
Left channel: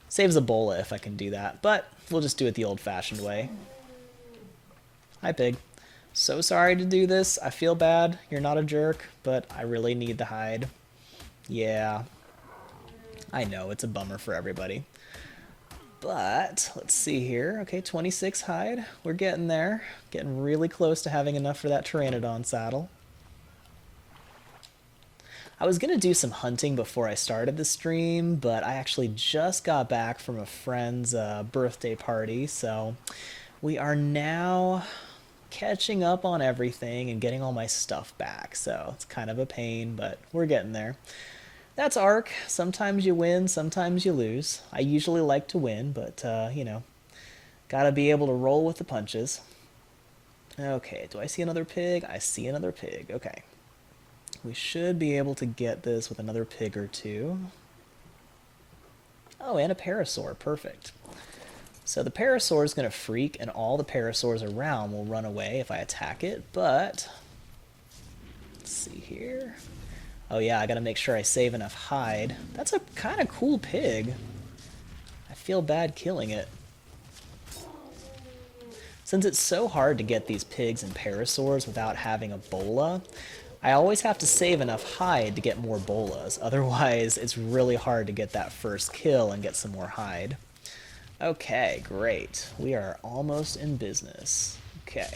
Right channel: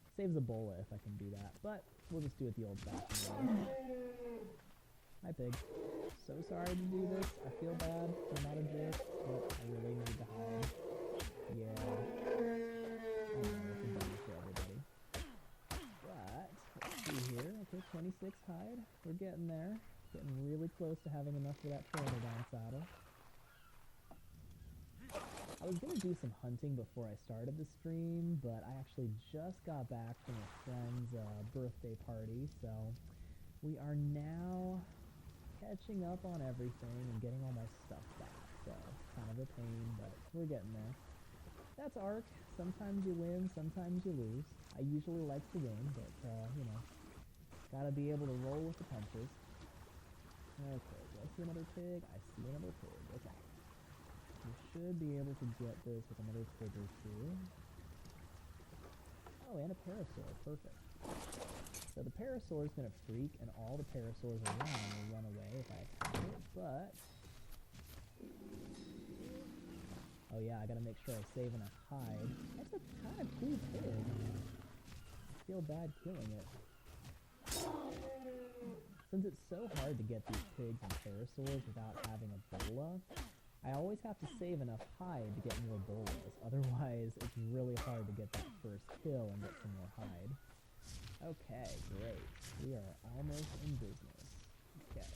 Saves Ebola if I can do that, but we'll just do it the old-fashioned way. Hi, pig. So sorry to do this. I feel bad. You're not a jerk, but I really need the hide. Yeah. I know, it's a bummer for everybody. But, let's see here. Okay, 26 hide. We're getting there. Getting really close to having enough for that Pteranodon saddle. I was going to do some hunting before I started the stream, but I actually just got back from a friend's birthday party, so we are now catching up on everything and getting all my stuff back. So it's kind of a pain, but we're getting there. That's Ark. Sometimes you win, sometimes you lose. I usually like to win, but, you know, gotta be able to roll with the punches. Okay, do I see another pig? I see another pig. Okay. We should be able to get this with another pig or two. Oh, and a parasaur. Perfect. So the parasaur is going to freak, and all the parasaurs around will run away if I attack it, but... Let's see here... Oh yeah, I gotta make sure I save enough hide. That's a kind of cool pig. I feel bad killing it. Since it's so hard to get these pigs and parasaurs without having a bola, I always have to save enough hide to get more bolas. Otherwise, it's really hard to get that first kill and get some more hide. Okay, great. We are almost in business. Okay.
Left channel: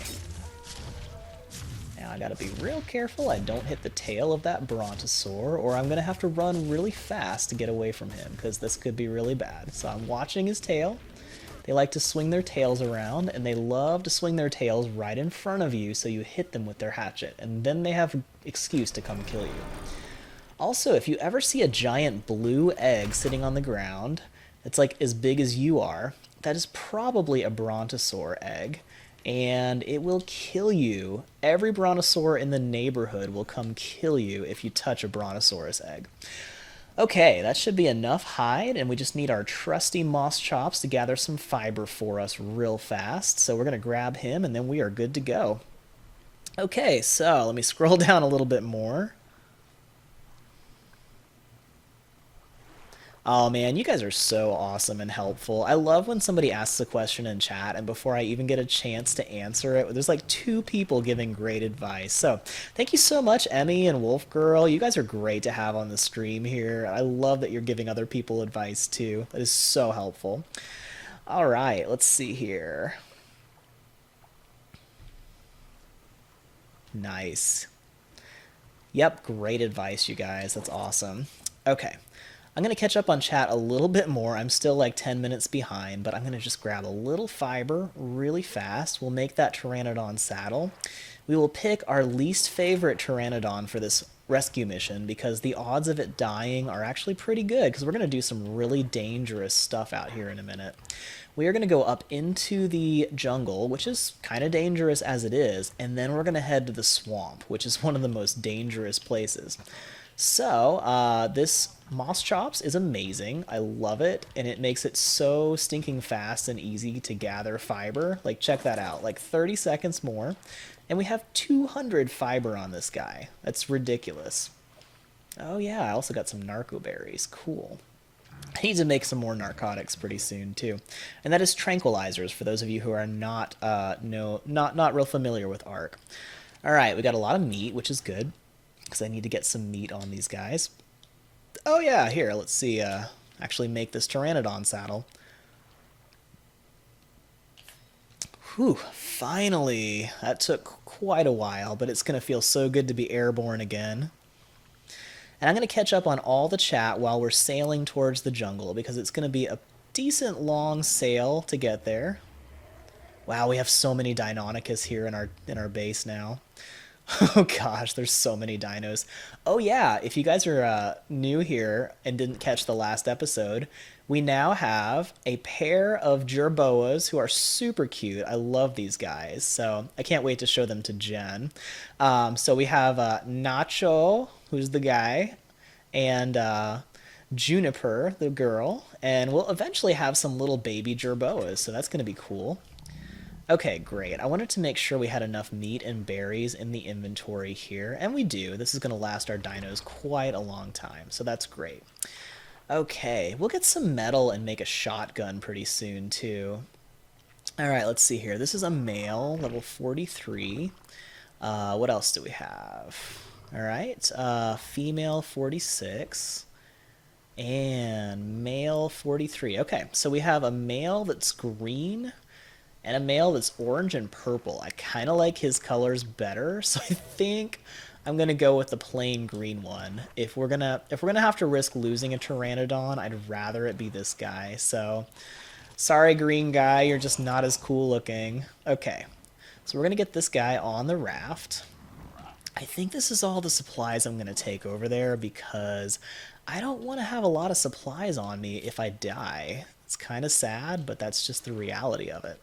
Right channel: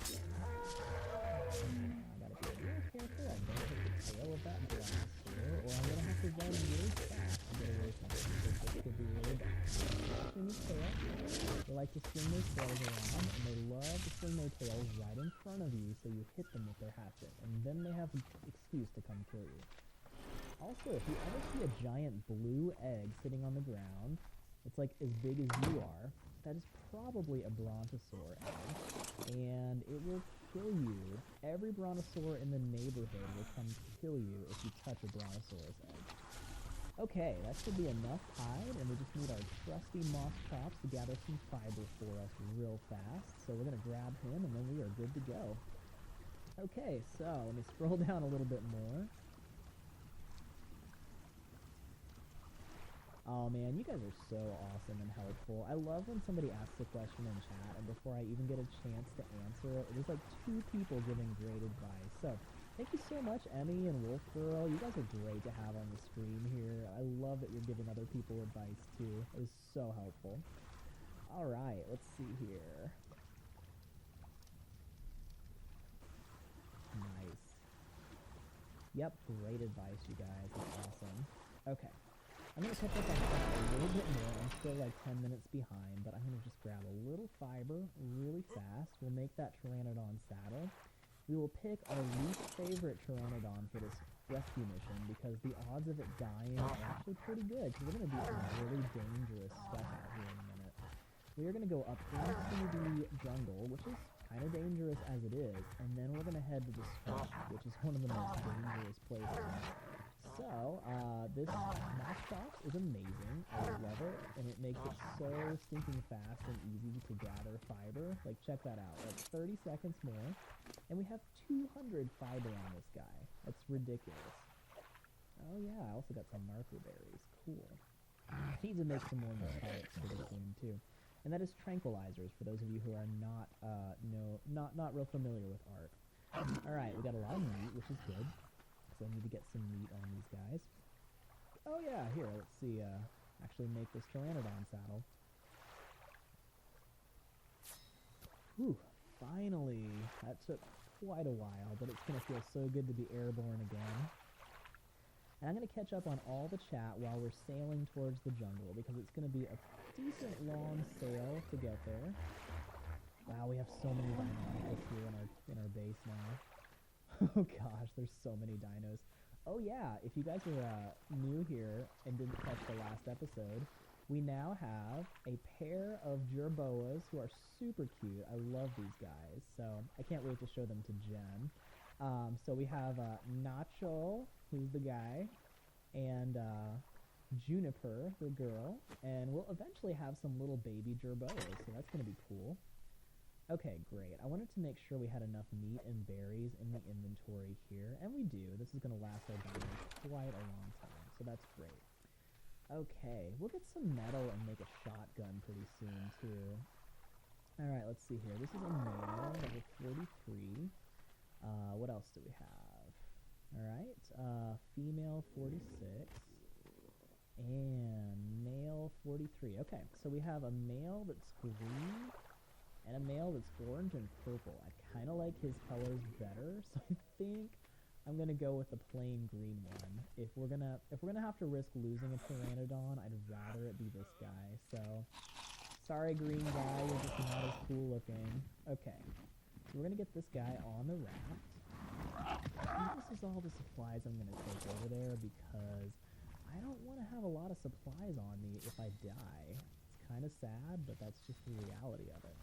Now I gotta be real careful I don't hit the tail of that brontosaur, or I'm gonna have to run really fast to get away from him, because this could be really bad. So I'm watching his tail. They like to swing their tails around, and they love to swing their tails right in front of you so you hit them with their hatchet, and then they have an excuse to come kill you. Also, if you ever see a giant blue egg sitting on the ground, it's like as big as you are, that is probably a brontosaur egg, and it will kill you. Every brontosaur in the neighborhood will come kill you if you touch a brontosaurus egg. Okay, that should be enough hide, and we just need our trusty moss chops to gather some fiber for us real fast. So we're going to grab him, and then we are good to go. Okay, so let me scroll down a little bit more. Oh man, you guys are so awesome and helpful. I love when somebody asks a question in chat and before I even get a chance to answer it, there's like 2 people giving great advice. So thank you so much, Emmy and Wolf Girl. You guys are great to have on the stream here. I love that you're giving other people advice too. That is so helpful. All right, let's see here. Nice. Yep, great advice, you guys. That's awesome. Okay. I'm going to catch up on chat a little bit more. I'm still like 10 minutes behind, but I'm going to just grab a little fiber really fast. We'll make that Pteranodon saddle. We will pick our least favorite Pteranodon for this rescue mission because the odds of it dying are actually pretty good because we're going to do some really dangerous stuff out here in a minute. We are going to go up into the jungle, which is kind of dangerous as it is, and then we're going to head to the swamp, which is one of the most dangerous places. So, this Moss Chops is amazing. I love it, and it makes it so stinking fast and easy to gather fiber. Like, check that out. Like, 30 seconds more, and we have 200 fiber on this guy. That's ridiculous. Oh, yeah, I also got some narco berries. Cool. I need to make some more narcotics pretty soon, too. And that is tranquilizers, for those of you who are not real familiar with Ark. All right, we got a lot of meat, which is good, because I need to get some meat on these guys. Oh yeah, here, let's see, actually make this Pteranodon saddle. Whew, finally! That took quite a while, but it's going to feel so good to be airborne again. And I'm going to catch up on all the chat while we're sailing towards the jungle, because it's going to be a decent long sail to get there. Wow, we have so many Deinonychus here in our base now. Oh gosh, there's so many dinos. Oh yeah, if you guys are new here and didn't catch the last episode, we now have a pair of jerboas who are super cute. I love these guys, so I can't wait to show them to Jen. So we have Nacho, who's the guy, and Juniper, the girl, and we'll eventually have some little baby gerboas, so that's going to be cool. Okay, great. I wanted to make sure we had enough meat and berries in the inventory here, and we do. This is going to last our dinos quite a long time, so that's great. Okay, we'll get some metal and make a shotgun pretty soon, too. All right, let's see here. This is a male, level 43. What else do we have? All right, female 46 and male 43. Okay, so we have a male that's green and a male that's orange and purple. I kind of like his colors better, so I think I'm gonna go with the plain green one. If we're gonna have to risk losing a Pteranodon, I'd rather it be this guy. So sorry, green guy, you're just not as cool looking. Okay, so we're gonna get this guy on the raft. I think this is all the supplies I'm gonna take over there because I don't want to have a lot of supplies on me if I die. It's kind of sad, but that's just the reality of it.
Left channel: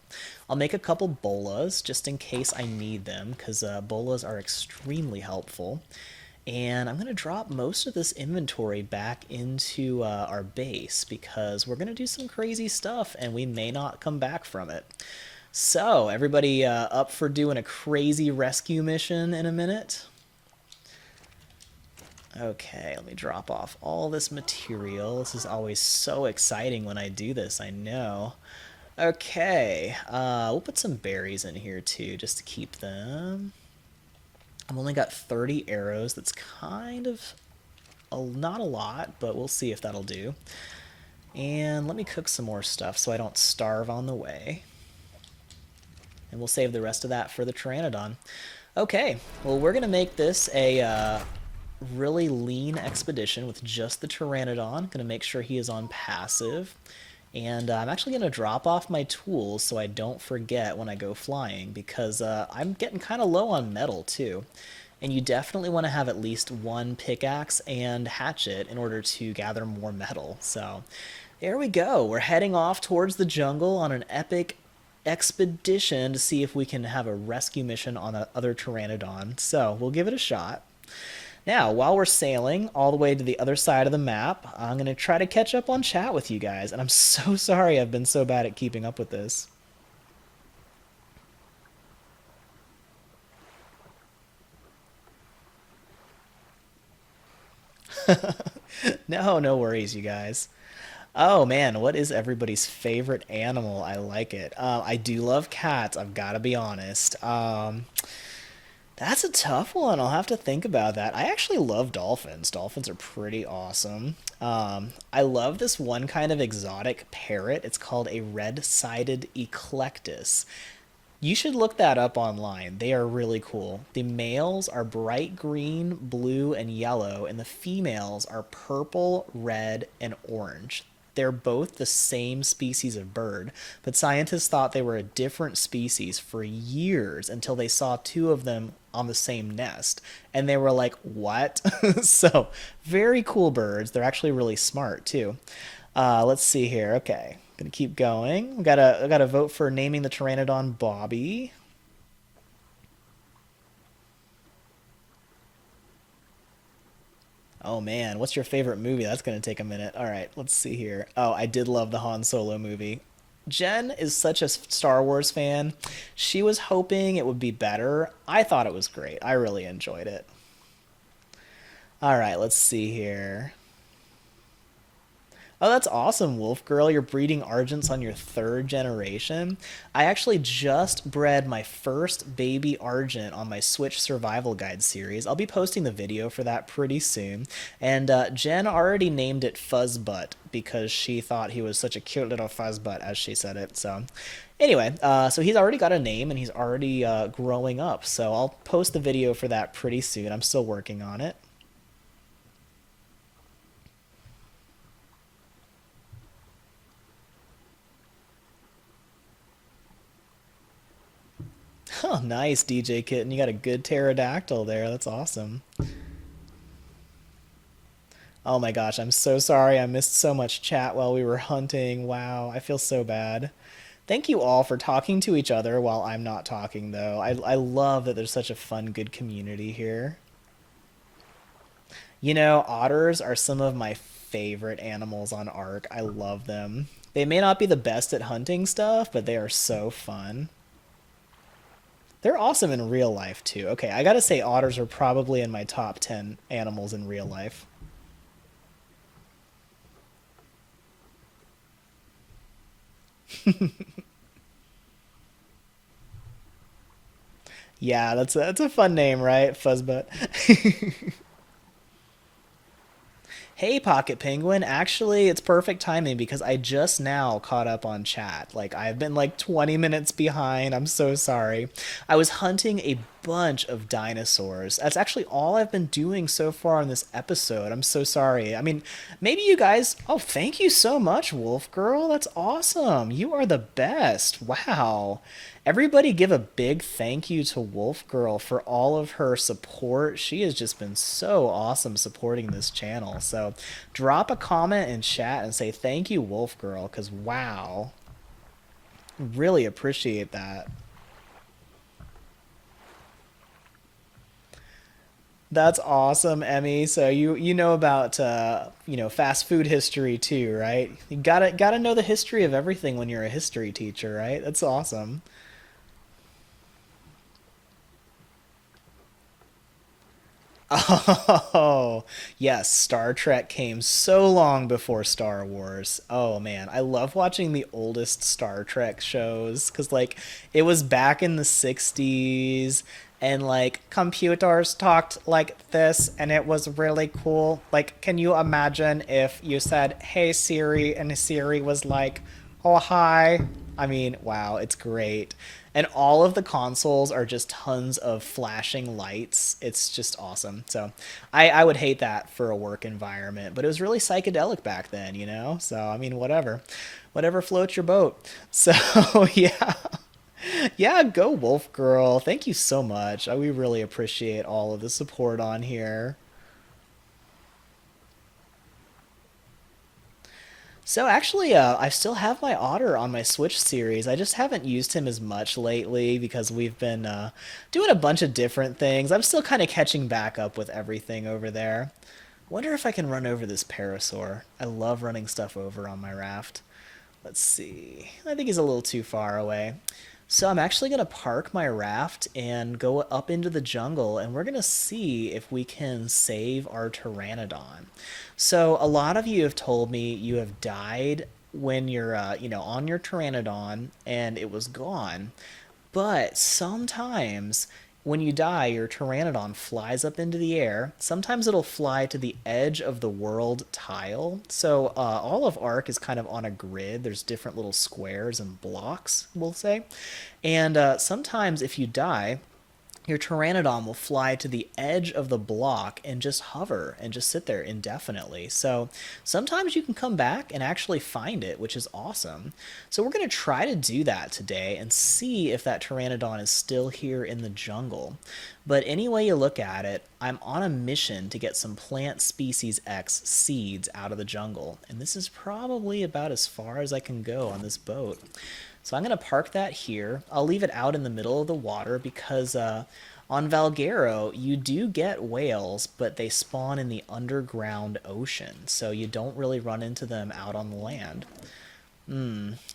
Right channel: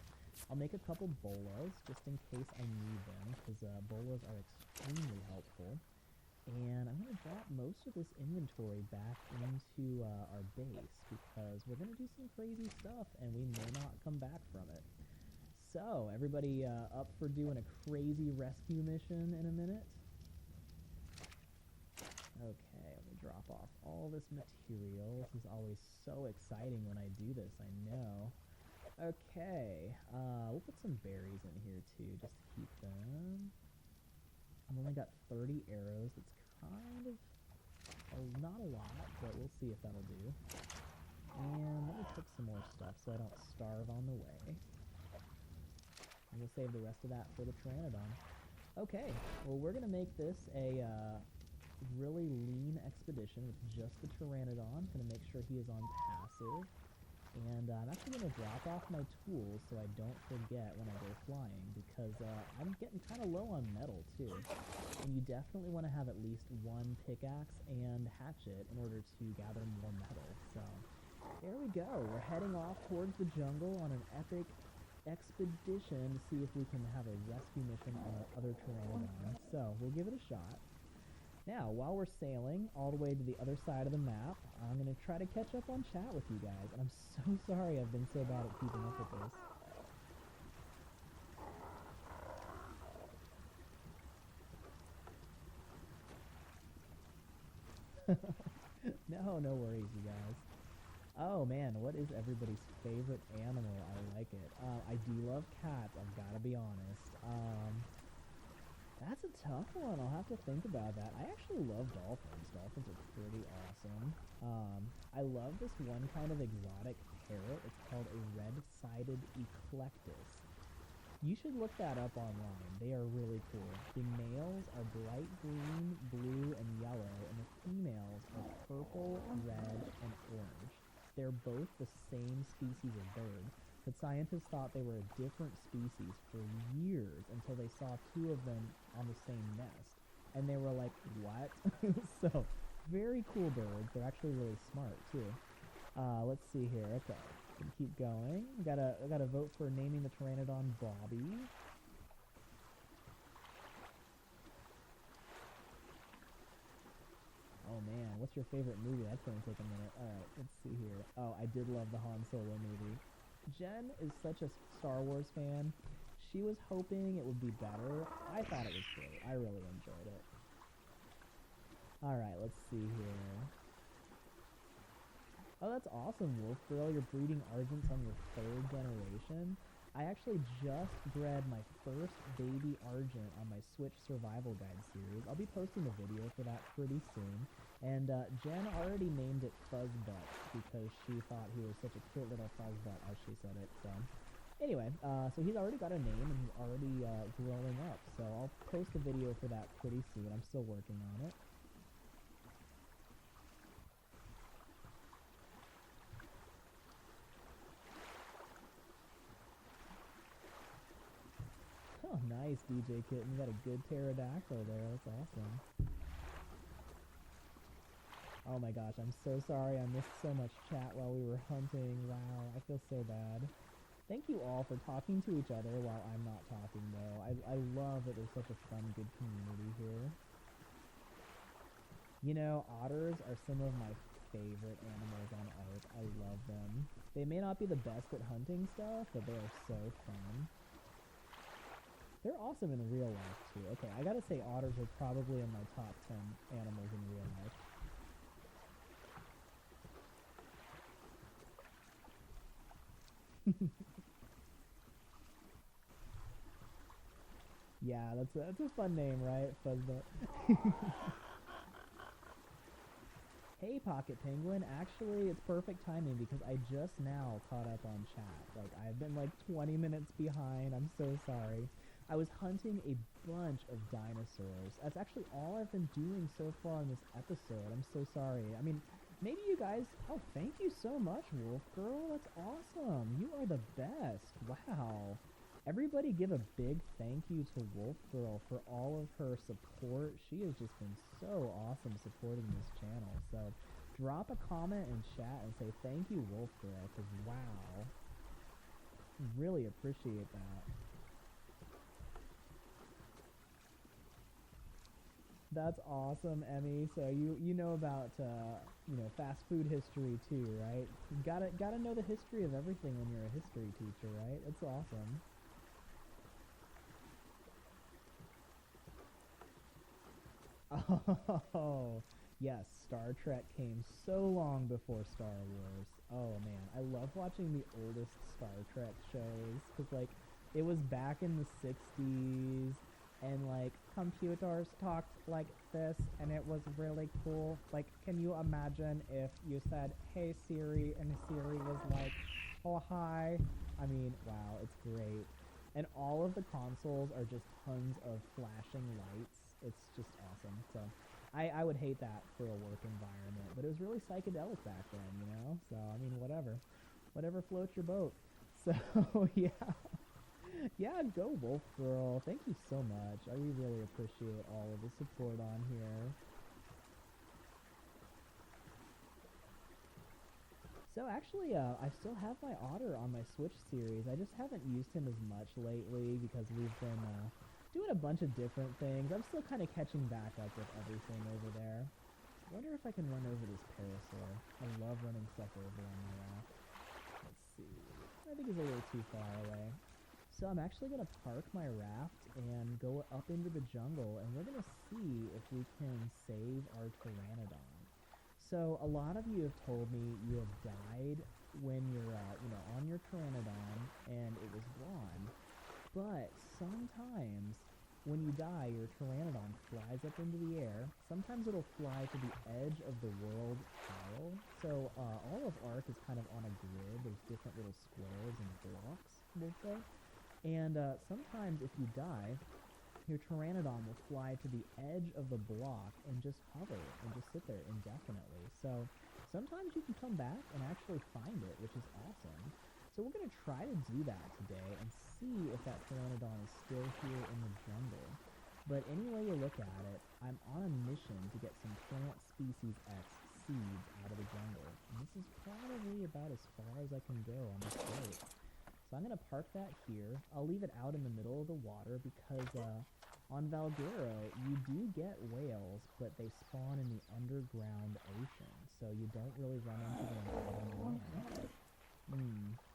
I'll make a couple bolas just in case I need them, because bolas are extremely helpful. And I'm going to drop most of this inventory back into our base, because we're going to do some crazy stuff, and we may not come back from it. So, everybody up for doing a crazy rescue mission in a minute? Okay, let me drop off all this material. This is always so exciting when I do this, I know. Okay, we'll put some berries in here too, just to keep them. I've only got 30 arrows. That's kind of not a lot, but we'll see if that'll do. And let me cook some more stuff so I don't starve on the way. And we'll save the rest of that for the Pteranodon. Okay, well, we're going to make this a really lean expedition with just the Pteranodon. Gonna make sure he is on passive. And I'm actually gonna drop off my tools so I don't forget when I go flying, because I'm getting kind of low on metal too. And you definitely want to have at least one pickaxe and hatchet in order to gather more metal. So there we go. We're heading off towards the jungle on an epic expedition to see if we can have a rescue mission on the other Pteranodon. So we'll give it a shot. Now, while we're sailing all the way to the other side of the map, I'm going to try to catch up on chat with you guys. And I'm so sorry I've been so bad at keeping up with this. No, no worries, you guys. Oh man, what is everybody's favorite animal? I like it. I do love cats, I've got to be honest. That's a tough one. I'll have to think about that. I actually love dolphins. Dolphins are pretty awesome. I love this one kind of exotic parrot. It's called a red-sided eclectus. You should look that up online. They are really cool. The males are bright green, blue, and yellow, and the females are purple, red, and orange. They're both the same species of bird, but scientists thought they were a different species for years until they saw two of them on the same nest. And they were like, what? So, very cool birds. They're actually really smart, too. Let's see here. Okay, gonna keep going. I gotta vote for naming the Pteranodon Bobby. Oh man, what's your favorite movie? That's gonna take a minute. All right, let's see here. Oh, I did love the Han Solo movie. Jen is such a Star Wars fan. She was hoping it would be better. I thought it was great. I really enjoyed it. All right, let's see here. Oh, that's awesome, Wolf Girl. You're breeding Argents on your third generation. I actually just bred my first baby Argent on my Switch Survival Guide series. I'll be posting the video for that pretty soon. And Jen already named it Fuzzbutt because she thought he was such a cute little fuzzbutt, as she said it. So anyway, so he's already got a name and he's already growing up. So I'll post the video for that pretty soon. I'm still working on it. Oh, nice, DJ Kitten. You got a good pterodactyl there. That's awesome. Oh my gosh, I'm so sorry. I missed so much chat while we were hunting. Wow, I feel so bad. Thank you all for talking to each other while I'm not talking, though. I love that there's such a fun, good community here. You know, otters are some of my favorite animals on Ark. I love them. They may not be the best at hunting stuff, but they are so fun. They're awesome in real life too. Okay, I gotta say otters are probably in my top 10 animals in real life. Yeah, that's a fun name, right? Fuzzbutt. Hey, Pocket Penguin. Actually, it's perfect timing because I just now caught up on chat. Like, I've been like 20 minutes behind. I'm so sorry. I was hunting a bunch of dinosaurs. That's actually all I've been doing so far in this episode. I'm so sorry. I mean, maybe you guys. Oh, thank you so much, Wolf Girl. That's awesome. You are the best. Wow. Everybody give a big thank you to Wolf Girl for all of her support. She has just been so awesome supporting this channel. So drop a comment in chat and say thank you, Wolf Girl, because wow. Really appreciate that. That's awesome, Emmy. So you know about fast food history too, right? You gotta know the history of everything when you're a history teacher, right? That's awesome. Oh, yes, Star Trek came so long before Star Wars. Oh man, I love watching the oldest Star Trek shows cuz like it was back in the 60s and like computers talked like this and it was really cool. Like can you imagine if you said, "Hey Siri," and Siri was like, "Oh, hi." I mean, wow, it's great. And all of the consoles are just tons of flashing lights. It's just awesome. So I would hate that for a work environment, but it was really psychedelic back then, you know? So, I mean, whatever. Whatever floats your boat. So, yeah. Yeah, go Wolf Girl. Thank you so much. We really appreciate all of the support on here. So actually, I still have my otter on my Switch series. I just haven't used him as much lately because we've been doing a bunch of different things. I'm still kind of catching back up with everything over there. Wonder if I can run over this parasaur. I love running stuff over on my raft. Let's see. I think he's a little too far away. So I'm actually going to park my raft and go up into the jungle, and we're going to see if we can save our Pteranodon. So a lot of you have told me you have died when you're, on your Pteranodon and it was gone. But sometimes when you die, your Pteranodon flies up into the air. Sometimes it'll fly to the edge of the world tile. So all of Ark is kind of on a grid. There's different little squares and blocks, we'll say. And sometimes if you die, your Pteranodon will fly to the edge of the block and just hover and just sit there indefinitely. So sometimes you can come back and actually find it, which is awesome. So we're going to try to do that today and see if that Pteranodon is still here in the jungle. But any way you look at it, I'm on a mission to get some plant species X seeds out of the jungle. And this is probably about as far as I can go on this boat. So I'm going to park that here. I'll leave it out in the middle of the water because on Valguero, you do get whales, but they spawn in the underground ocean. So you don't really run into them out on the land.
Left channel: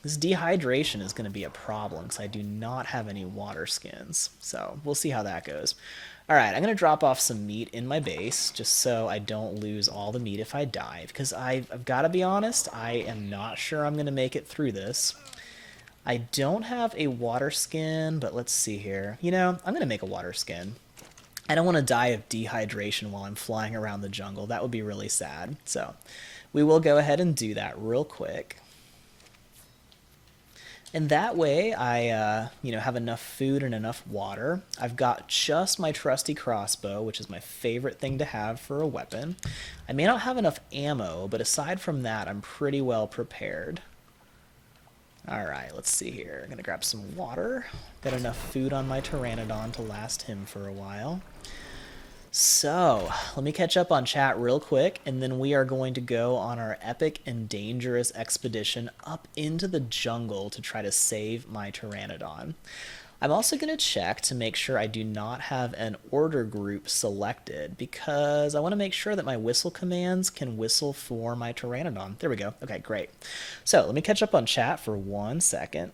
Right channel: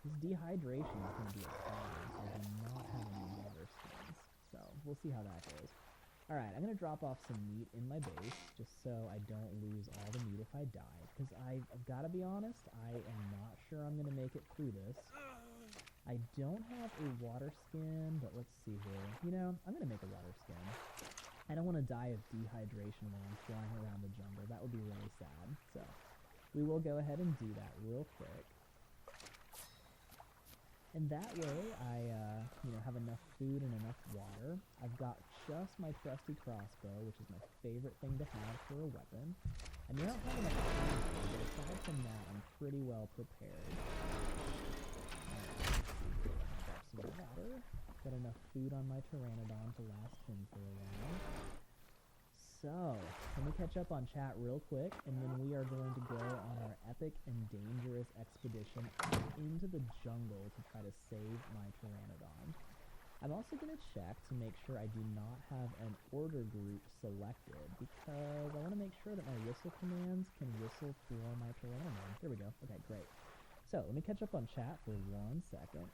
This dehydration is going to be a problem because I do not have any water skins. So we'll see how that goes. All right, I'm going to drop off some meat in my base just so I don't lose all the meat if I dive. Because I've got to be honest, I am not sure I'm going to make it through this. I don't have a water skin, but let's see here. You know, I'm going to make a water skin. I don't want to die of dehydration while I'm flying around the jungle. That would be really sad. So we will go ahead and do that real quick. And that way I, have enough food and enough water. I've got just my trusty crossbow, which is my favorite thing to have for a weapon. I may not have enough ammo, but aside from that, I'm pretty well prepared. Alright, let's see here. I'm gonna grab some water. Got enough food on my Pteranodon to last him for a while. So, let me catch up on chat real quick, and then we are going to go on our epic and dangerous expedition up into the jungle to try to save my Pteranodon. I'm also going to check to make sure I do not have an order group selected because I want to make sure that my whistle commands can whistle for my Pteranodon. There we go. Okay, great. So let me catch up on chat for 1 second.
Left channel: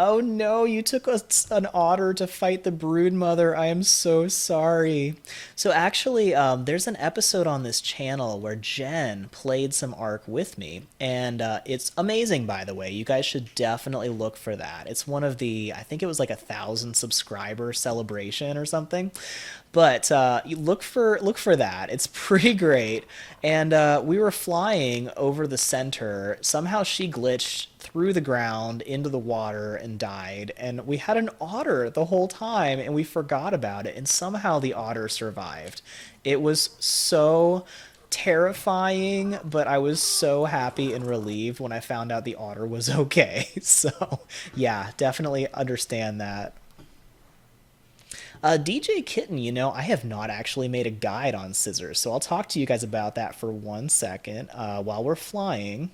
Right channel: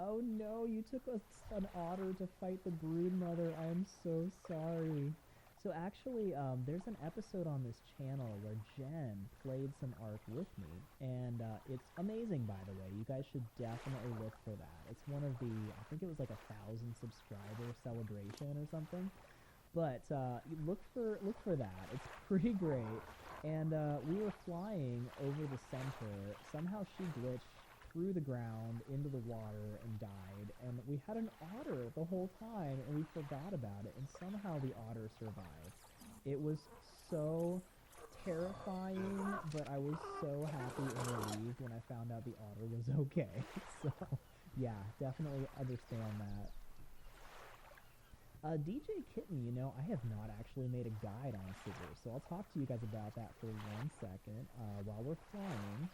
Oh no, you took an otter to fight the brood mother. I am so sorry. So actually, there's an episode on this channel where Jen played some Ark with me, and it's amazing, by the way. You guys should definitely look for that. It's one of the, I think it was like 1,000 subscriber celebration or something. But you look for that. It's pretty great. And we were flying over the center. Somehow she glitched through the ground into the water and died. And we had an otter the whole time, and we forgot about it. And somehow the otter survived. It was so terrifying, but I was so happy and relieved when I found out the otter was okay. So, yeah, definitely understand that. DJ Kitten, I have not actually made a guide on scissors, so I'll talk to you guys about that for 1 second while we're flying.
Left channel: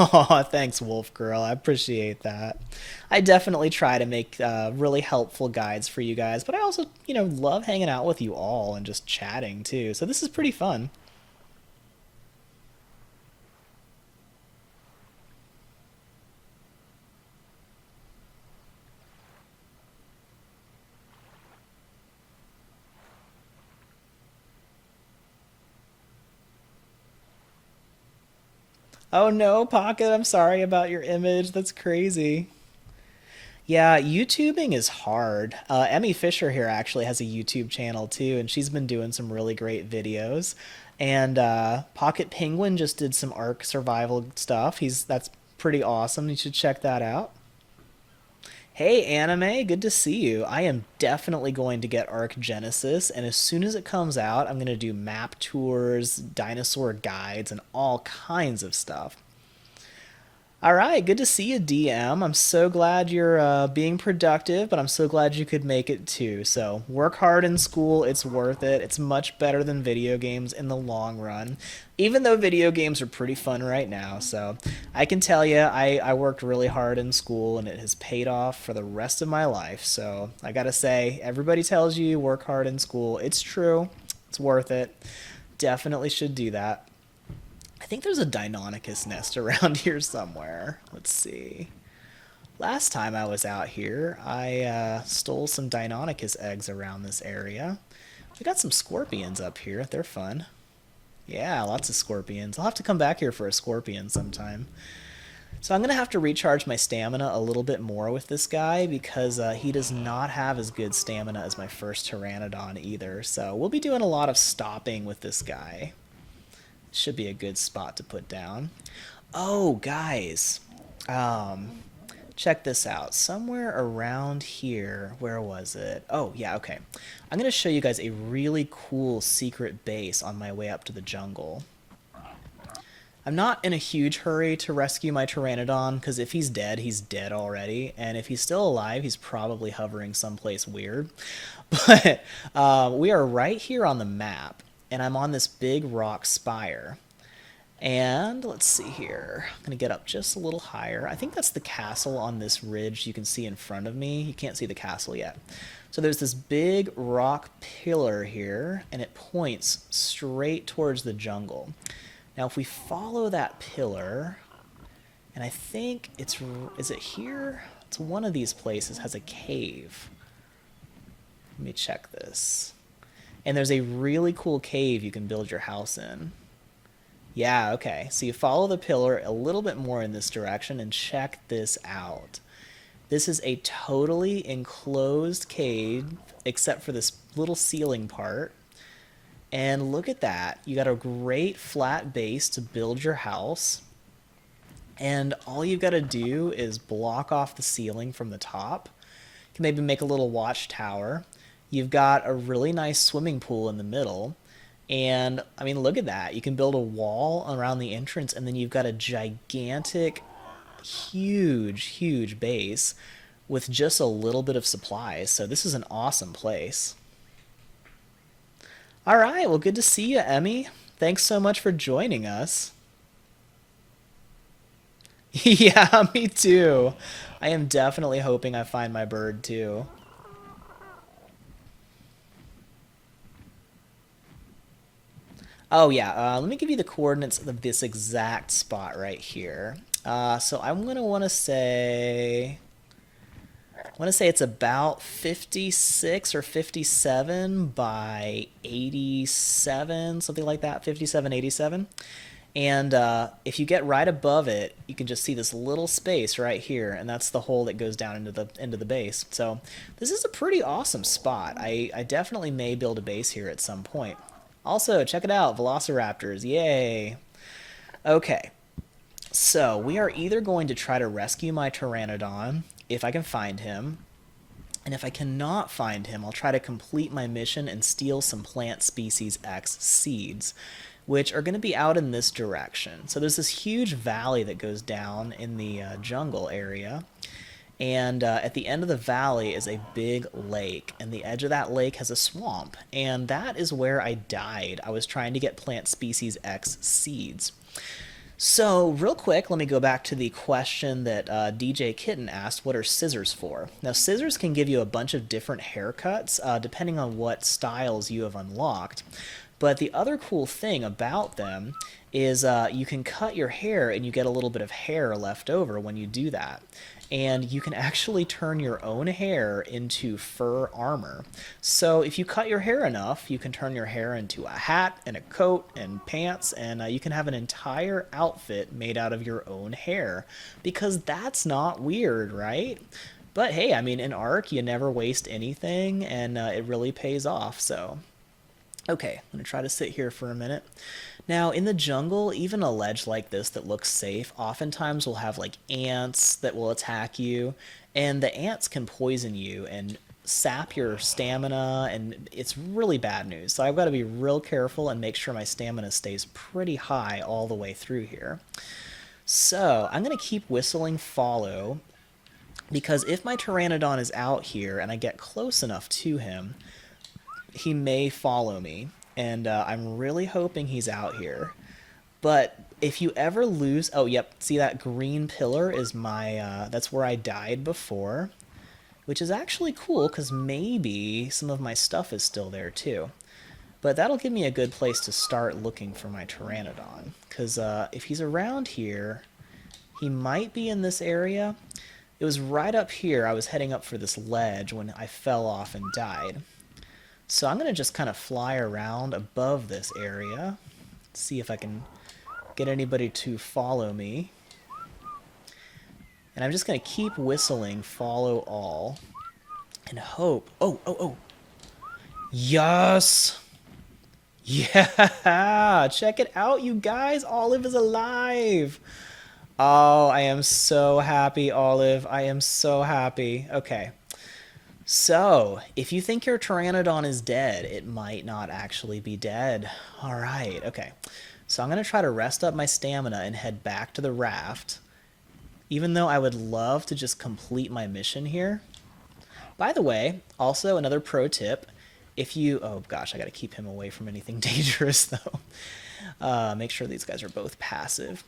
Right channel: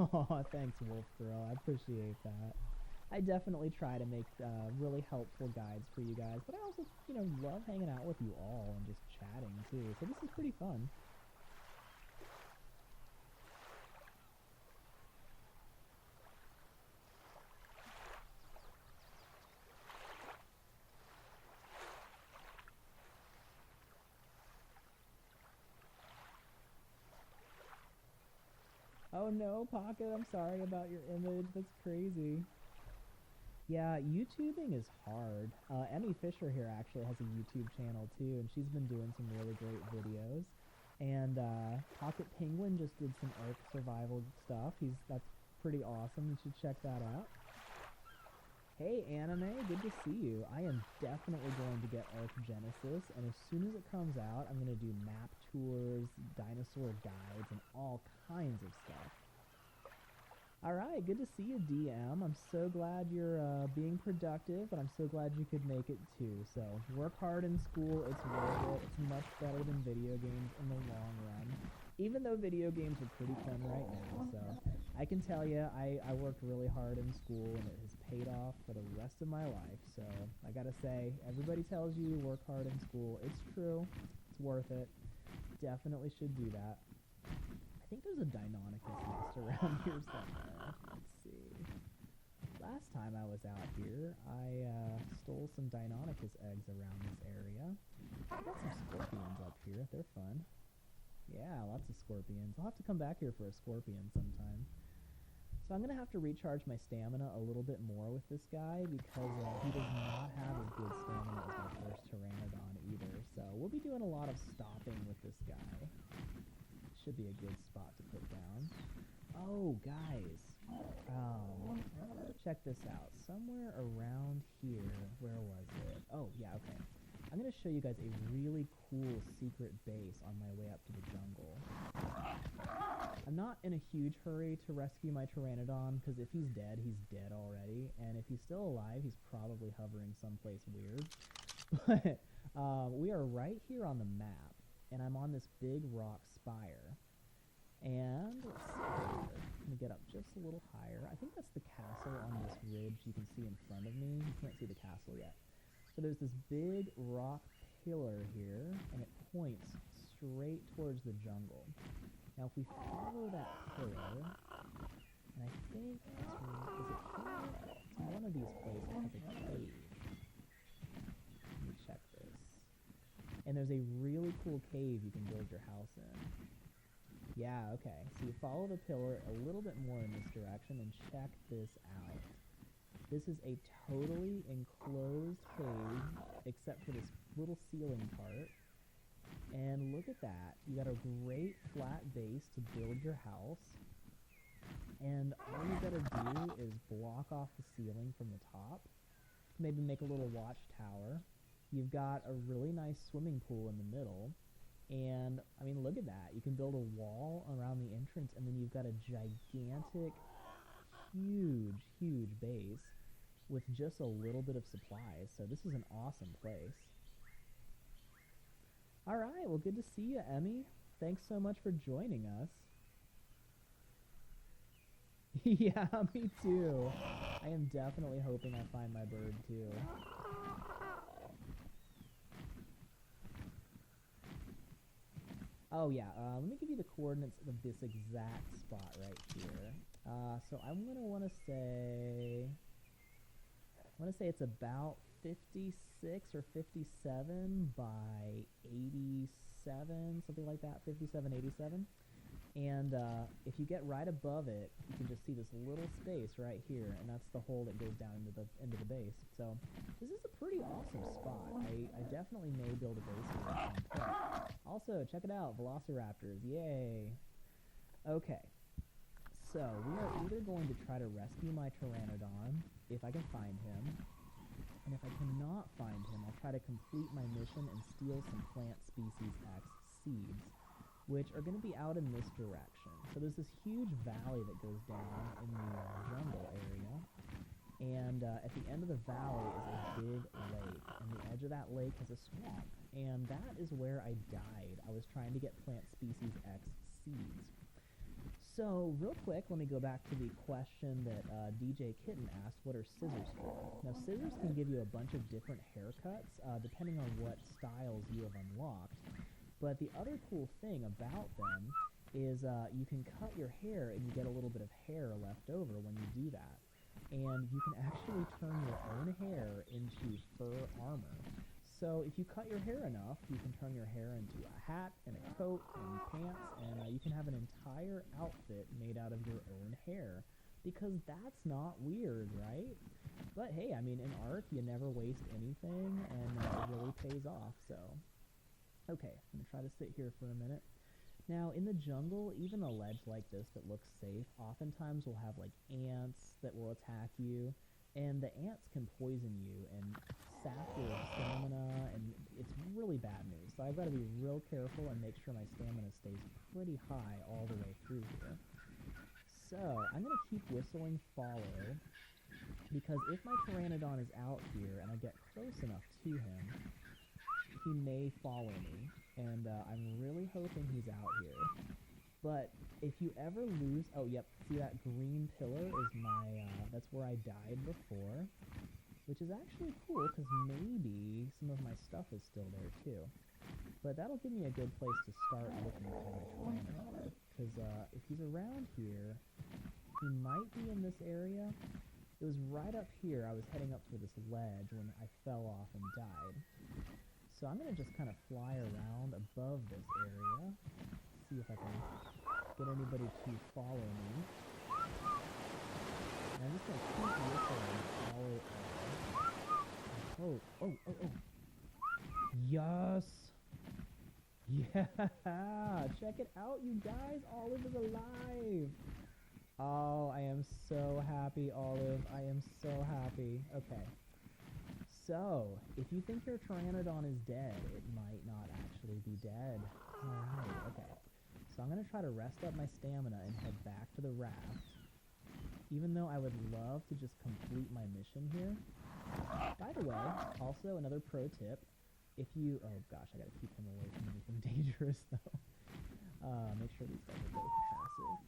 Oh, thanks, Wolf Girl. I appreciate that. I definitely try to make really helpful guides for you guys, but I also, love hanging out with you all and just chatting too. So this is pretty fun. Oh no, Pocket, I'm sorry about your image. That's crazy. Yeah, YouTubing is hard. Emmy Fisher here actually has a YouTube channel too, and she's been doing some really great videos. And Pocket Penguin just did some Ark survival stuff. That's pretty awesome. You should check that out. Hey, Anime, good to see you. I am definitely going to get Ark Genesis, and as soon as it comes out, I'm going to do map tours, dinosaur guides, and all kinds of stuff. All right, good to see you, DM. I'm so glad you're being productive, but I'm so glad you could make it too. So, work hard in school, it's worth it. It's much better than video games in the long run, even though video games are pretty fun right now. So, I can tell you, I worked really hard in school and it has paid off for the rest of my life. So, I gotta say, everybody tells you work hard in school. It's true, it's worth it. Definitely should do that. I think there's a Deinonychus nest around here somewhere. Let's see. Last time I was out here, I stole some Deinonychus eggs around this area. We got some scorpions up here. They're fun. Yeah, lots of scorpions. I'll have to come back here for a scorpion sometime. So I'm going to have to recharge my stamina a little bit more with this guy because he does not have as good stamina as my first Pteranodon either. So we'll be doing a lot of stopping with this guy. Should be a good spot to put down. Oh, guys. Check this out. Somewhere around here, where was it? Oh, yeah, okay. I'm going to show you guys a really cool secret base on my way up to the jungle. I'm not in a huge hurry to rescue my Pteranodon, because if he's dead already, and if he's still alive, he's probably hovering someplace weird. But we are right here on the map, and I'm on this big rock spire. And let's see here. I'm going to get up just a little higher. I think that's the castle on this ridge you can see in front of me. You can't see the castle yet. So there's this big rock pillar here, and it points straight towards the jungle. Now, if we follow that pillar, and I think is it here? It's one of these places has a cave. Let me check this. And there's a really cool cave you can build your house in. Yeah, okay. So you follow the pillar a little bit more in this direction and check this out. This is a totally enclosed cave except for this little ceiling part. And look at that. You got a great flat base to build your house. And all you've got to do is block off the ceiling from the top. You can maybe make a little watchtower. You've got a really nice swimming pool in the middle. And, I mean, look at that. You can build a wall around the entrance, and then you've got a gigantic, huge base with just a little bit of supplies. So this is an awesome place. All right, well, good to see you, Emmy. Thanks so much for joining us. Yeah, me too. I am definitely hoping I find my bird too. Oh yeah, let me give you the coordinates of this exact spot right here. So I'm gonna want to say it's about 56 or 57 by 87, something like that, 57, 87. And if you get right above it, you can just see this little space right here, and that's the hole that goes down into the base. So this is a pretty awesome spot. I definitely may build a base here at some point. Also, check it out, Velociraptors, yay! Okay, so we are either going to try to rescue my Pteranodon, if I can find him, and if I cannot find him, I'll try to complete my mission and steal some Plant Species X seeds, which are going to be out in this direction. So there's this huge valley that goes down in the jungle area, and at the end of the valley is a big lake, and the edge of that lake has a swamp, and that is where I died. I was trying to get Plant Species X seeds. So, real quick, let me go back to the question that DJ Kitten asked, what are scissors for? Now, scissors can give you a bunch of different haircuts, depending on what styles you have unlocked. But the other cool thing about them is you can cut your hair and you get a little bit of hair left over when you do that. And you can actually turn your own hair into fur armor. So if you cut your hair enough, you can turn your hair into a hat and a coat and pants, and you can have an entire outfit made out of your own hair. Because that's not weird, right? But hey, I mean, in Ark, you never waste anything, and it really pays off, so... Okay, I'm going to try to sit here for a minute. Now, in the jungle, even a ledge like this that looks safe, oftentimes will have like ants that will attack you, and the ants can poison you and sap your stamina, and it's really bad news. So I've got to be real careful and make sure my stamina stays pretty high all the way through here. So I'm going to keep whistling follow, because if my Pteranodon is out here and I get close enough to him, he may follow me, and I'm really hoping he's out here. But if you ever lose... Oh, yep, see that green pillar is my... that's where I died before, which is actually cool, because maybe some of my stuff is still there, too. But that'll give me a good place to start looking for my Pteranodon, because if he's around here, he might be in this area. It was right up here. I was heading up for this ledge when I fell off and died. So I'm going to just kind of fly around above this area, see if I can get anybody to follow me. And I'm just going to keep whistling follow all and hope... Oh, oh, oh. Yes! Yeah! Check it out, you guys! Olive is alive! Oh, I am so happy, Olive. I am so happy. Okay. So, if you think your Pteranodon is dead, it might not actually be dead. Alright, okay. So I'm going to try to rest up my stamina and head back to the raft, even though I would love to just complete my mission here. By the way, also another pro tip, if you... Oh gosh, I got to keep him away from anything dangerous though. Make sure these guys are both passive.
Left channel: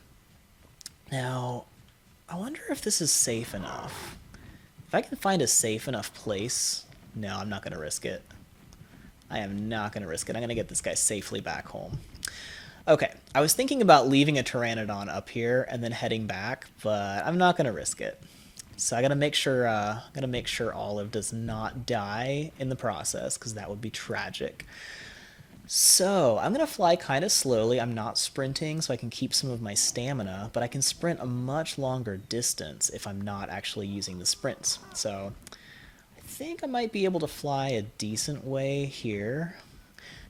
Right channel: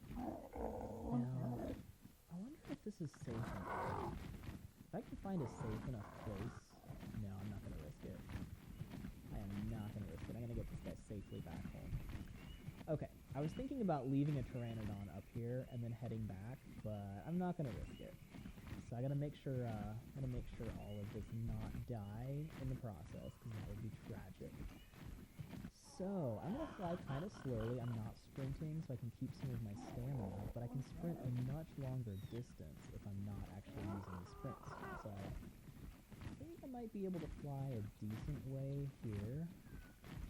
Now, I wonder if this is safe enough. If I can find a safe enough place... No, I'm not going to risk it. I am not going to risk it. I'm going to get this guy safely back home. Okay, I was thinking about leaving a Pteranodon up here and then heading back, but I'm not going to risk it. So I got to make sure Olive does not die in the process, because that would be tragic. So I'm going to fly kind of slowly. I'm not sprinting, so I can keep some of my stamina, but I can sprint a much longer distance if I'm not actually using the sprints. So I think I might be able to fly a decent way here.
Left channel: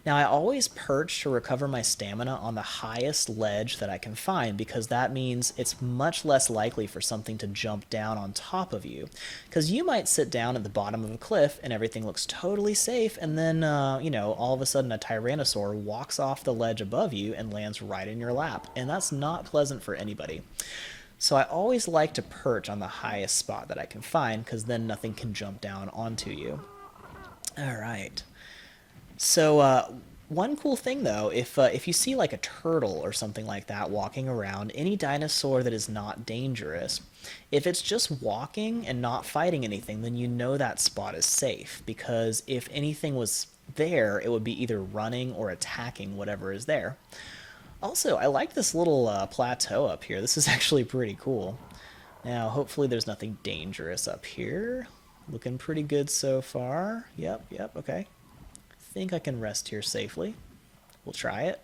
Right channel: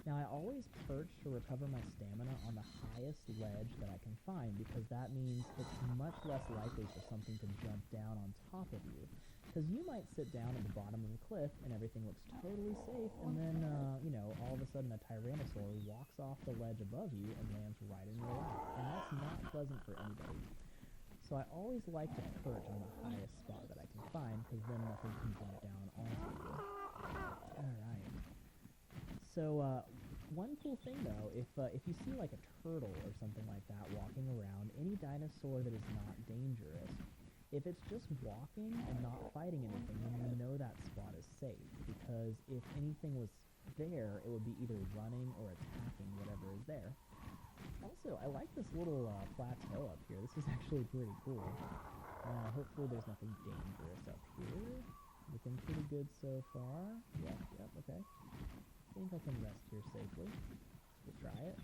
Now, I always perch to recover my stamina on the highest ledge that I can find, because that means it's much less likely for something to jump down on top of you. Because you might sit down at the bottom of a cliff and everything looks totally safe, and then, you know, all of a sudden a Tyrannosaur walks off the ledge above you and lands right in your lap. And that's not pleasant for anybody. So I always like to perch on the highest spot that I can find, because then nothing can jump down onto you. All right. So one cool thing though, if you see like a turtle or something like that walking around, any dinosaur that is not dangerous, if it's just walking and not fighting anything, then you know that spot is safe, because if anything was there, it would be either running or attacking whatever is there. Also, I like this little plateau up here. This is actually pretty cool. Now, hopefully there's nothing dangerous up here. Looking pretty good so far. Yep, okay. Think I can rest here safely. We'll try it.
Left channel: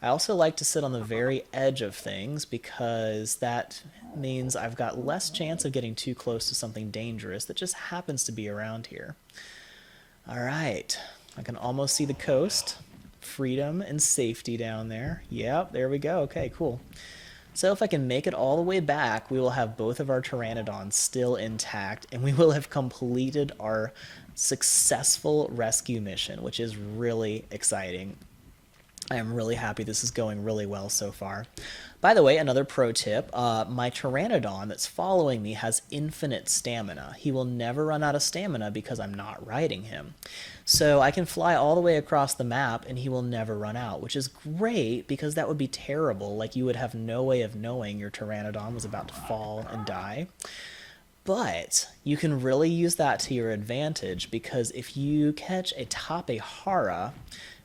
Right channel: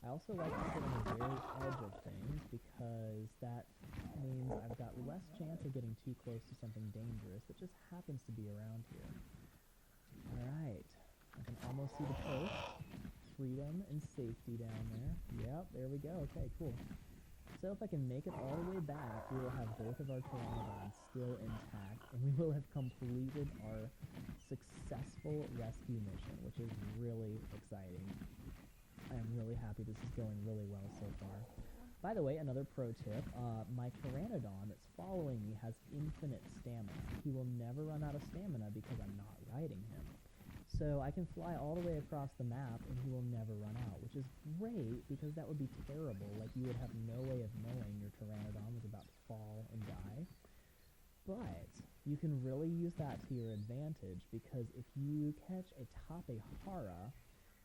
I also like to sit on the very edge of things, because that means I've got less chance of getting too close to something dangerous that just happens to be around here. All right, I can almost see the coast. Freedom and safety down there. Yep, there we go. Okay, cool. So if I can make it all the way back, we will have both of our Pteranodons still intact, and we will have completed our successful rescue mission, which is really exciting. I am really happy this is going really well so far. By the way, another pro tip, my Pteranodon that's following me has infinite stamina. He will never run out of stamina because I'm not riding him. So I can fly all the way across the map and he will never run out, which is great, because that would be terrible. Like, you would have no way of knowing your Pteranodon was about to fall and die. But you can really use that to your advantage, because if you catch a Tapehara,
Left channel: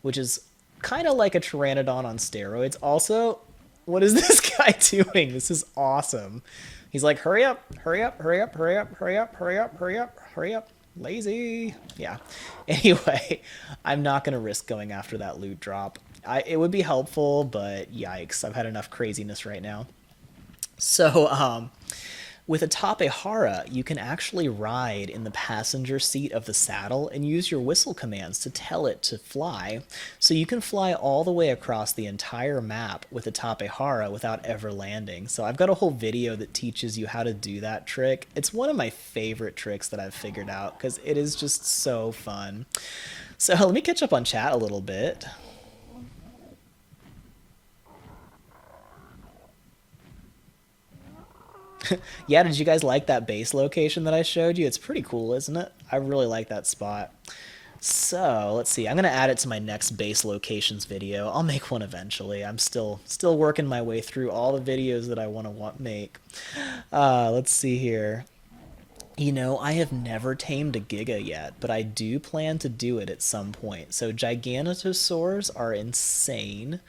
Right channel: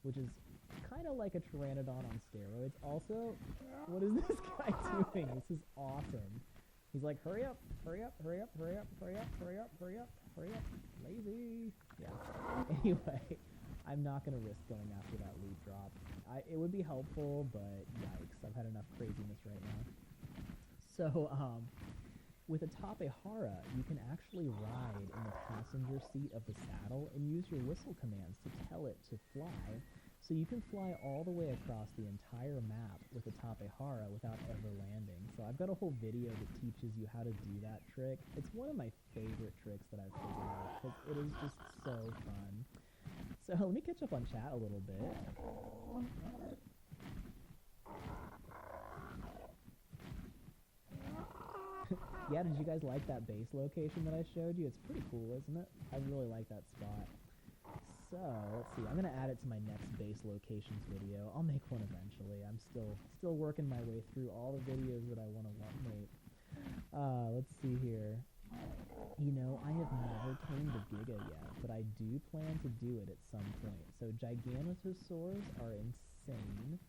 which is kind of like a Pteranodon on steroids. Also, what is this guy doing? This is awesome. He's like, hurry up, hurry up, hurry up, hurry up, hurry up, hurry up, hurry up, hurry up. Lazy. Yeah. Anyway, I'm not going to risk going after that loot drop. It would be helpful, but yikes, I've had enough craziness right now. So, with a Tapehara, you can actually ride in the passenger seat of the saddle and use your whistle commands to tell it to fly. So you can fly all the way across the entire map with a Tapehara without ever landing. So I've got a whole video that teaches you how to do that trick. It's one of my favorite tricks that I've figured out, because it is just so fun. So let me catch up on chat a little bit. Yeah, did you guys like that base location that I showed you? It's pretty cool, isn't it? I really like that spot. So, let's see. I'm going to add it to my next base locations video. I'll make one eventually. I'm still working my way through all the videos that I want to make. Let's see here. You know, I have never tamed a Giga yet, but I do plan to do it at some point. So Giganotosaurs are insane.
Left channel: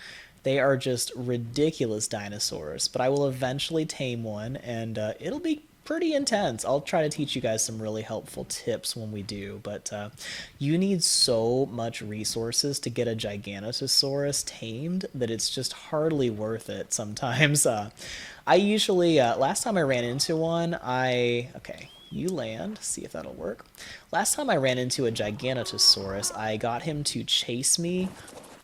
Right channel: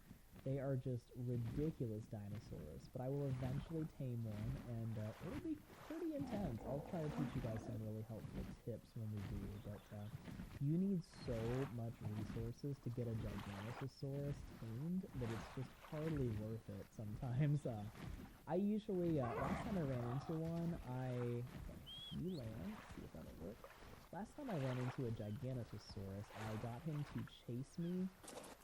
They are just ridiculous dinosaurs, but I will eventually tame one, and it'll be pretty intense. I'll try to teach you guys some really helpful tips when we do, but you need so much resources to get a Giganotosaurus tamed that it's just hardly worth it sometimes. I usually, last time I ran into one, okay, you land, see if that'll work. Last time I ran into a Giganotosaurus, I got him to chase me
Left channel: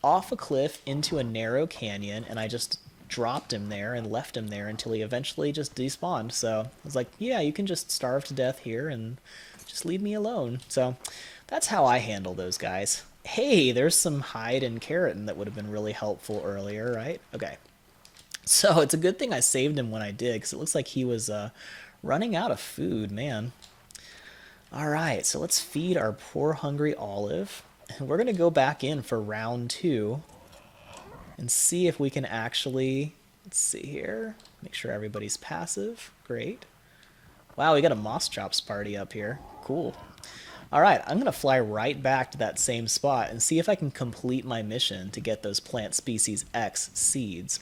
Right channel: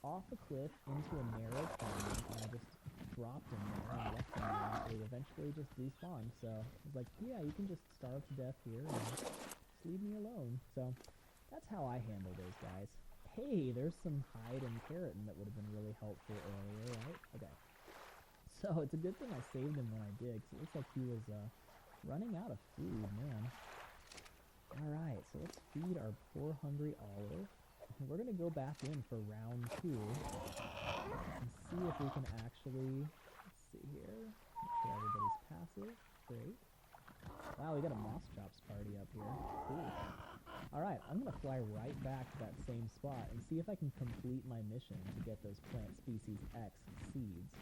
off a cliff into a narrow canyon, and I just dropped him there and left him there until he eventually just despawned. So I was like, yeah, you can just starve to death here and just leave me alone. So that's how I handle those guys. Hey, there's some hide and keratin that would have been really helpful earlier, right? Okay. So it's a good thing I saved him when I did, because it looks like he was running out of food, man. All right, so let's feed our poor hungry Olive. And we're going to go back in for round 2 and see if we can actually, let's see here, make sure everybody's passive. Great. Wow, we got a Moss Chops party up here. Cool. All right, I'm going to fly right back to that same spot and see if I can complete my mission to get those plant species X seeds.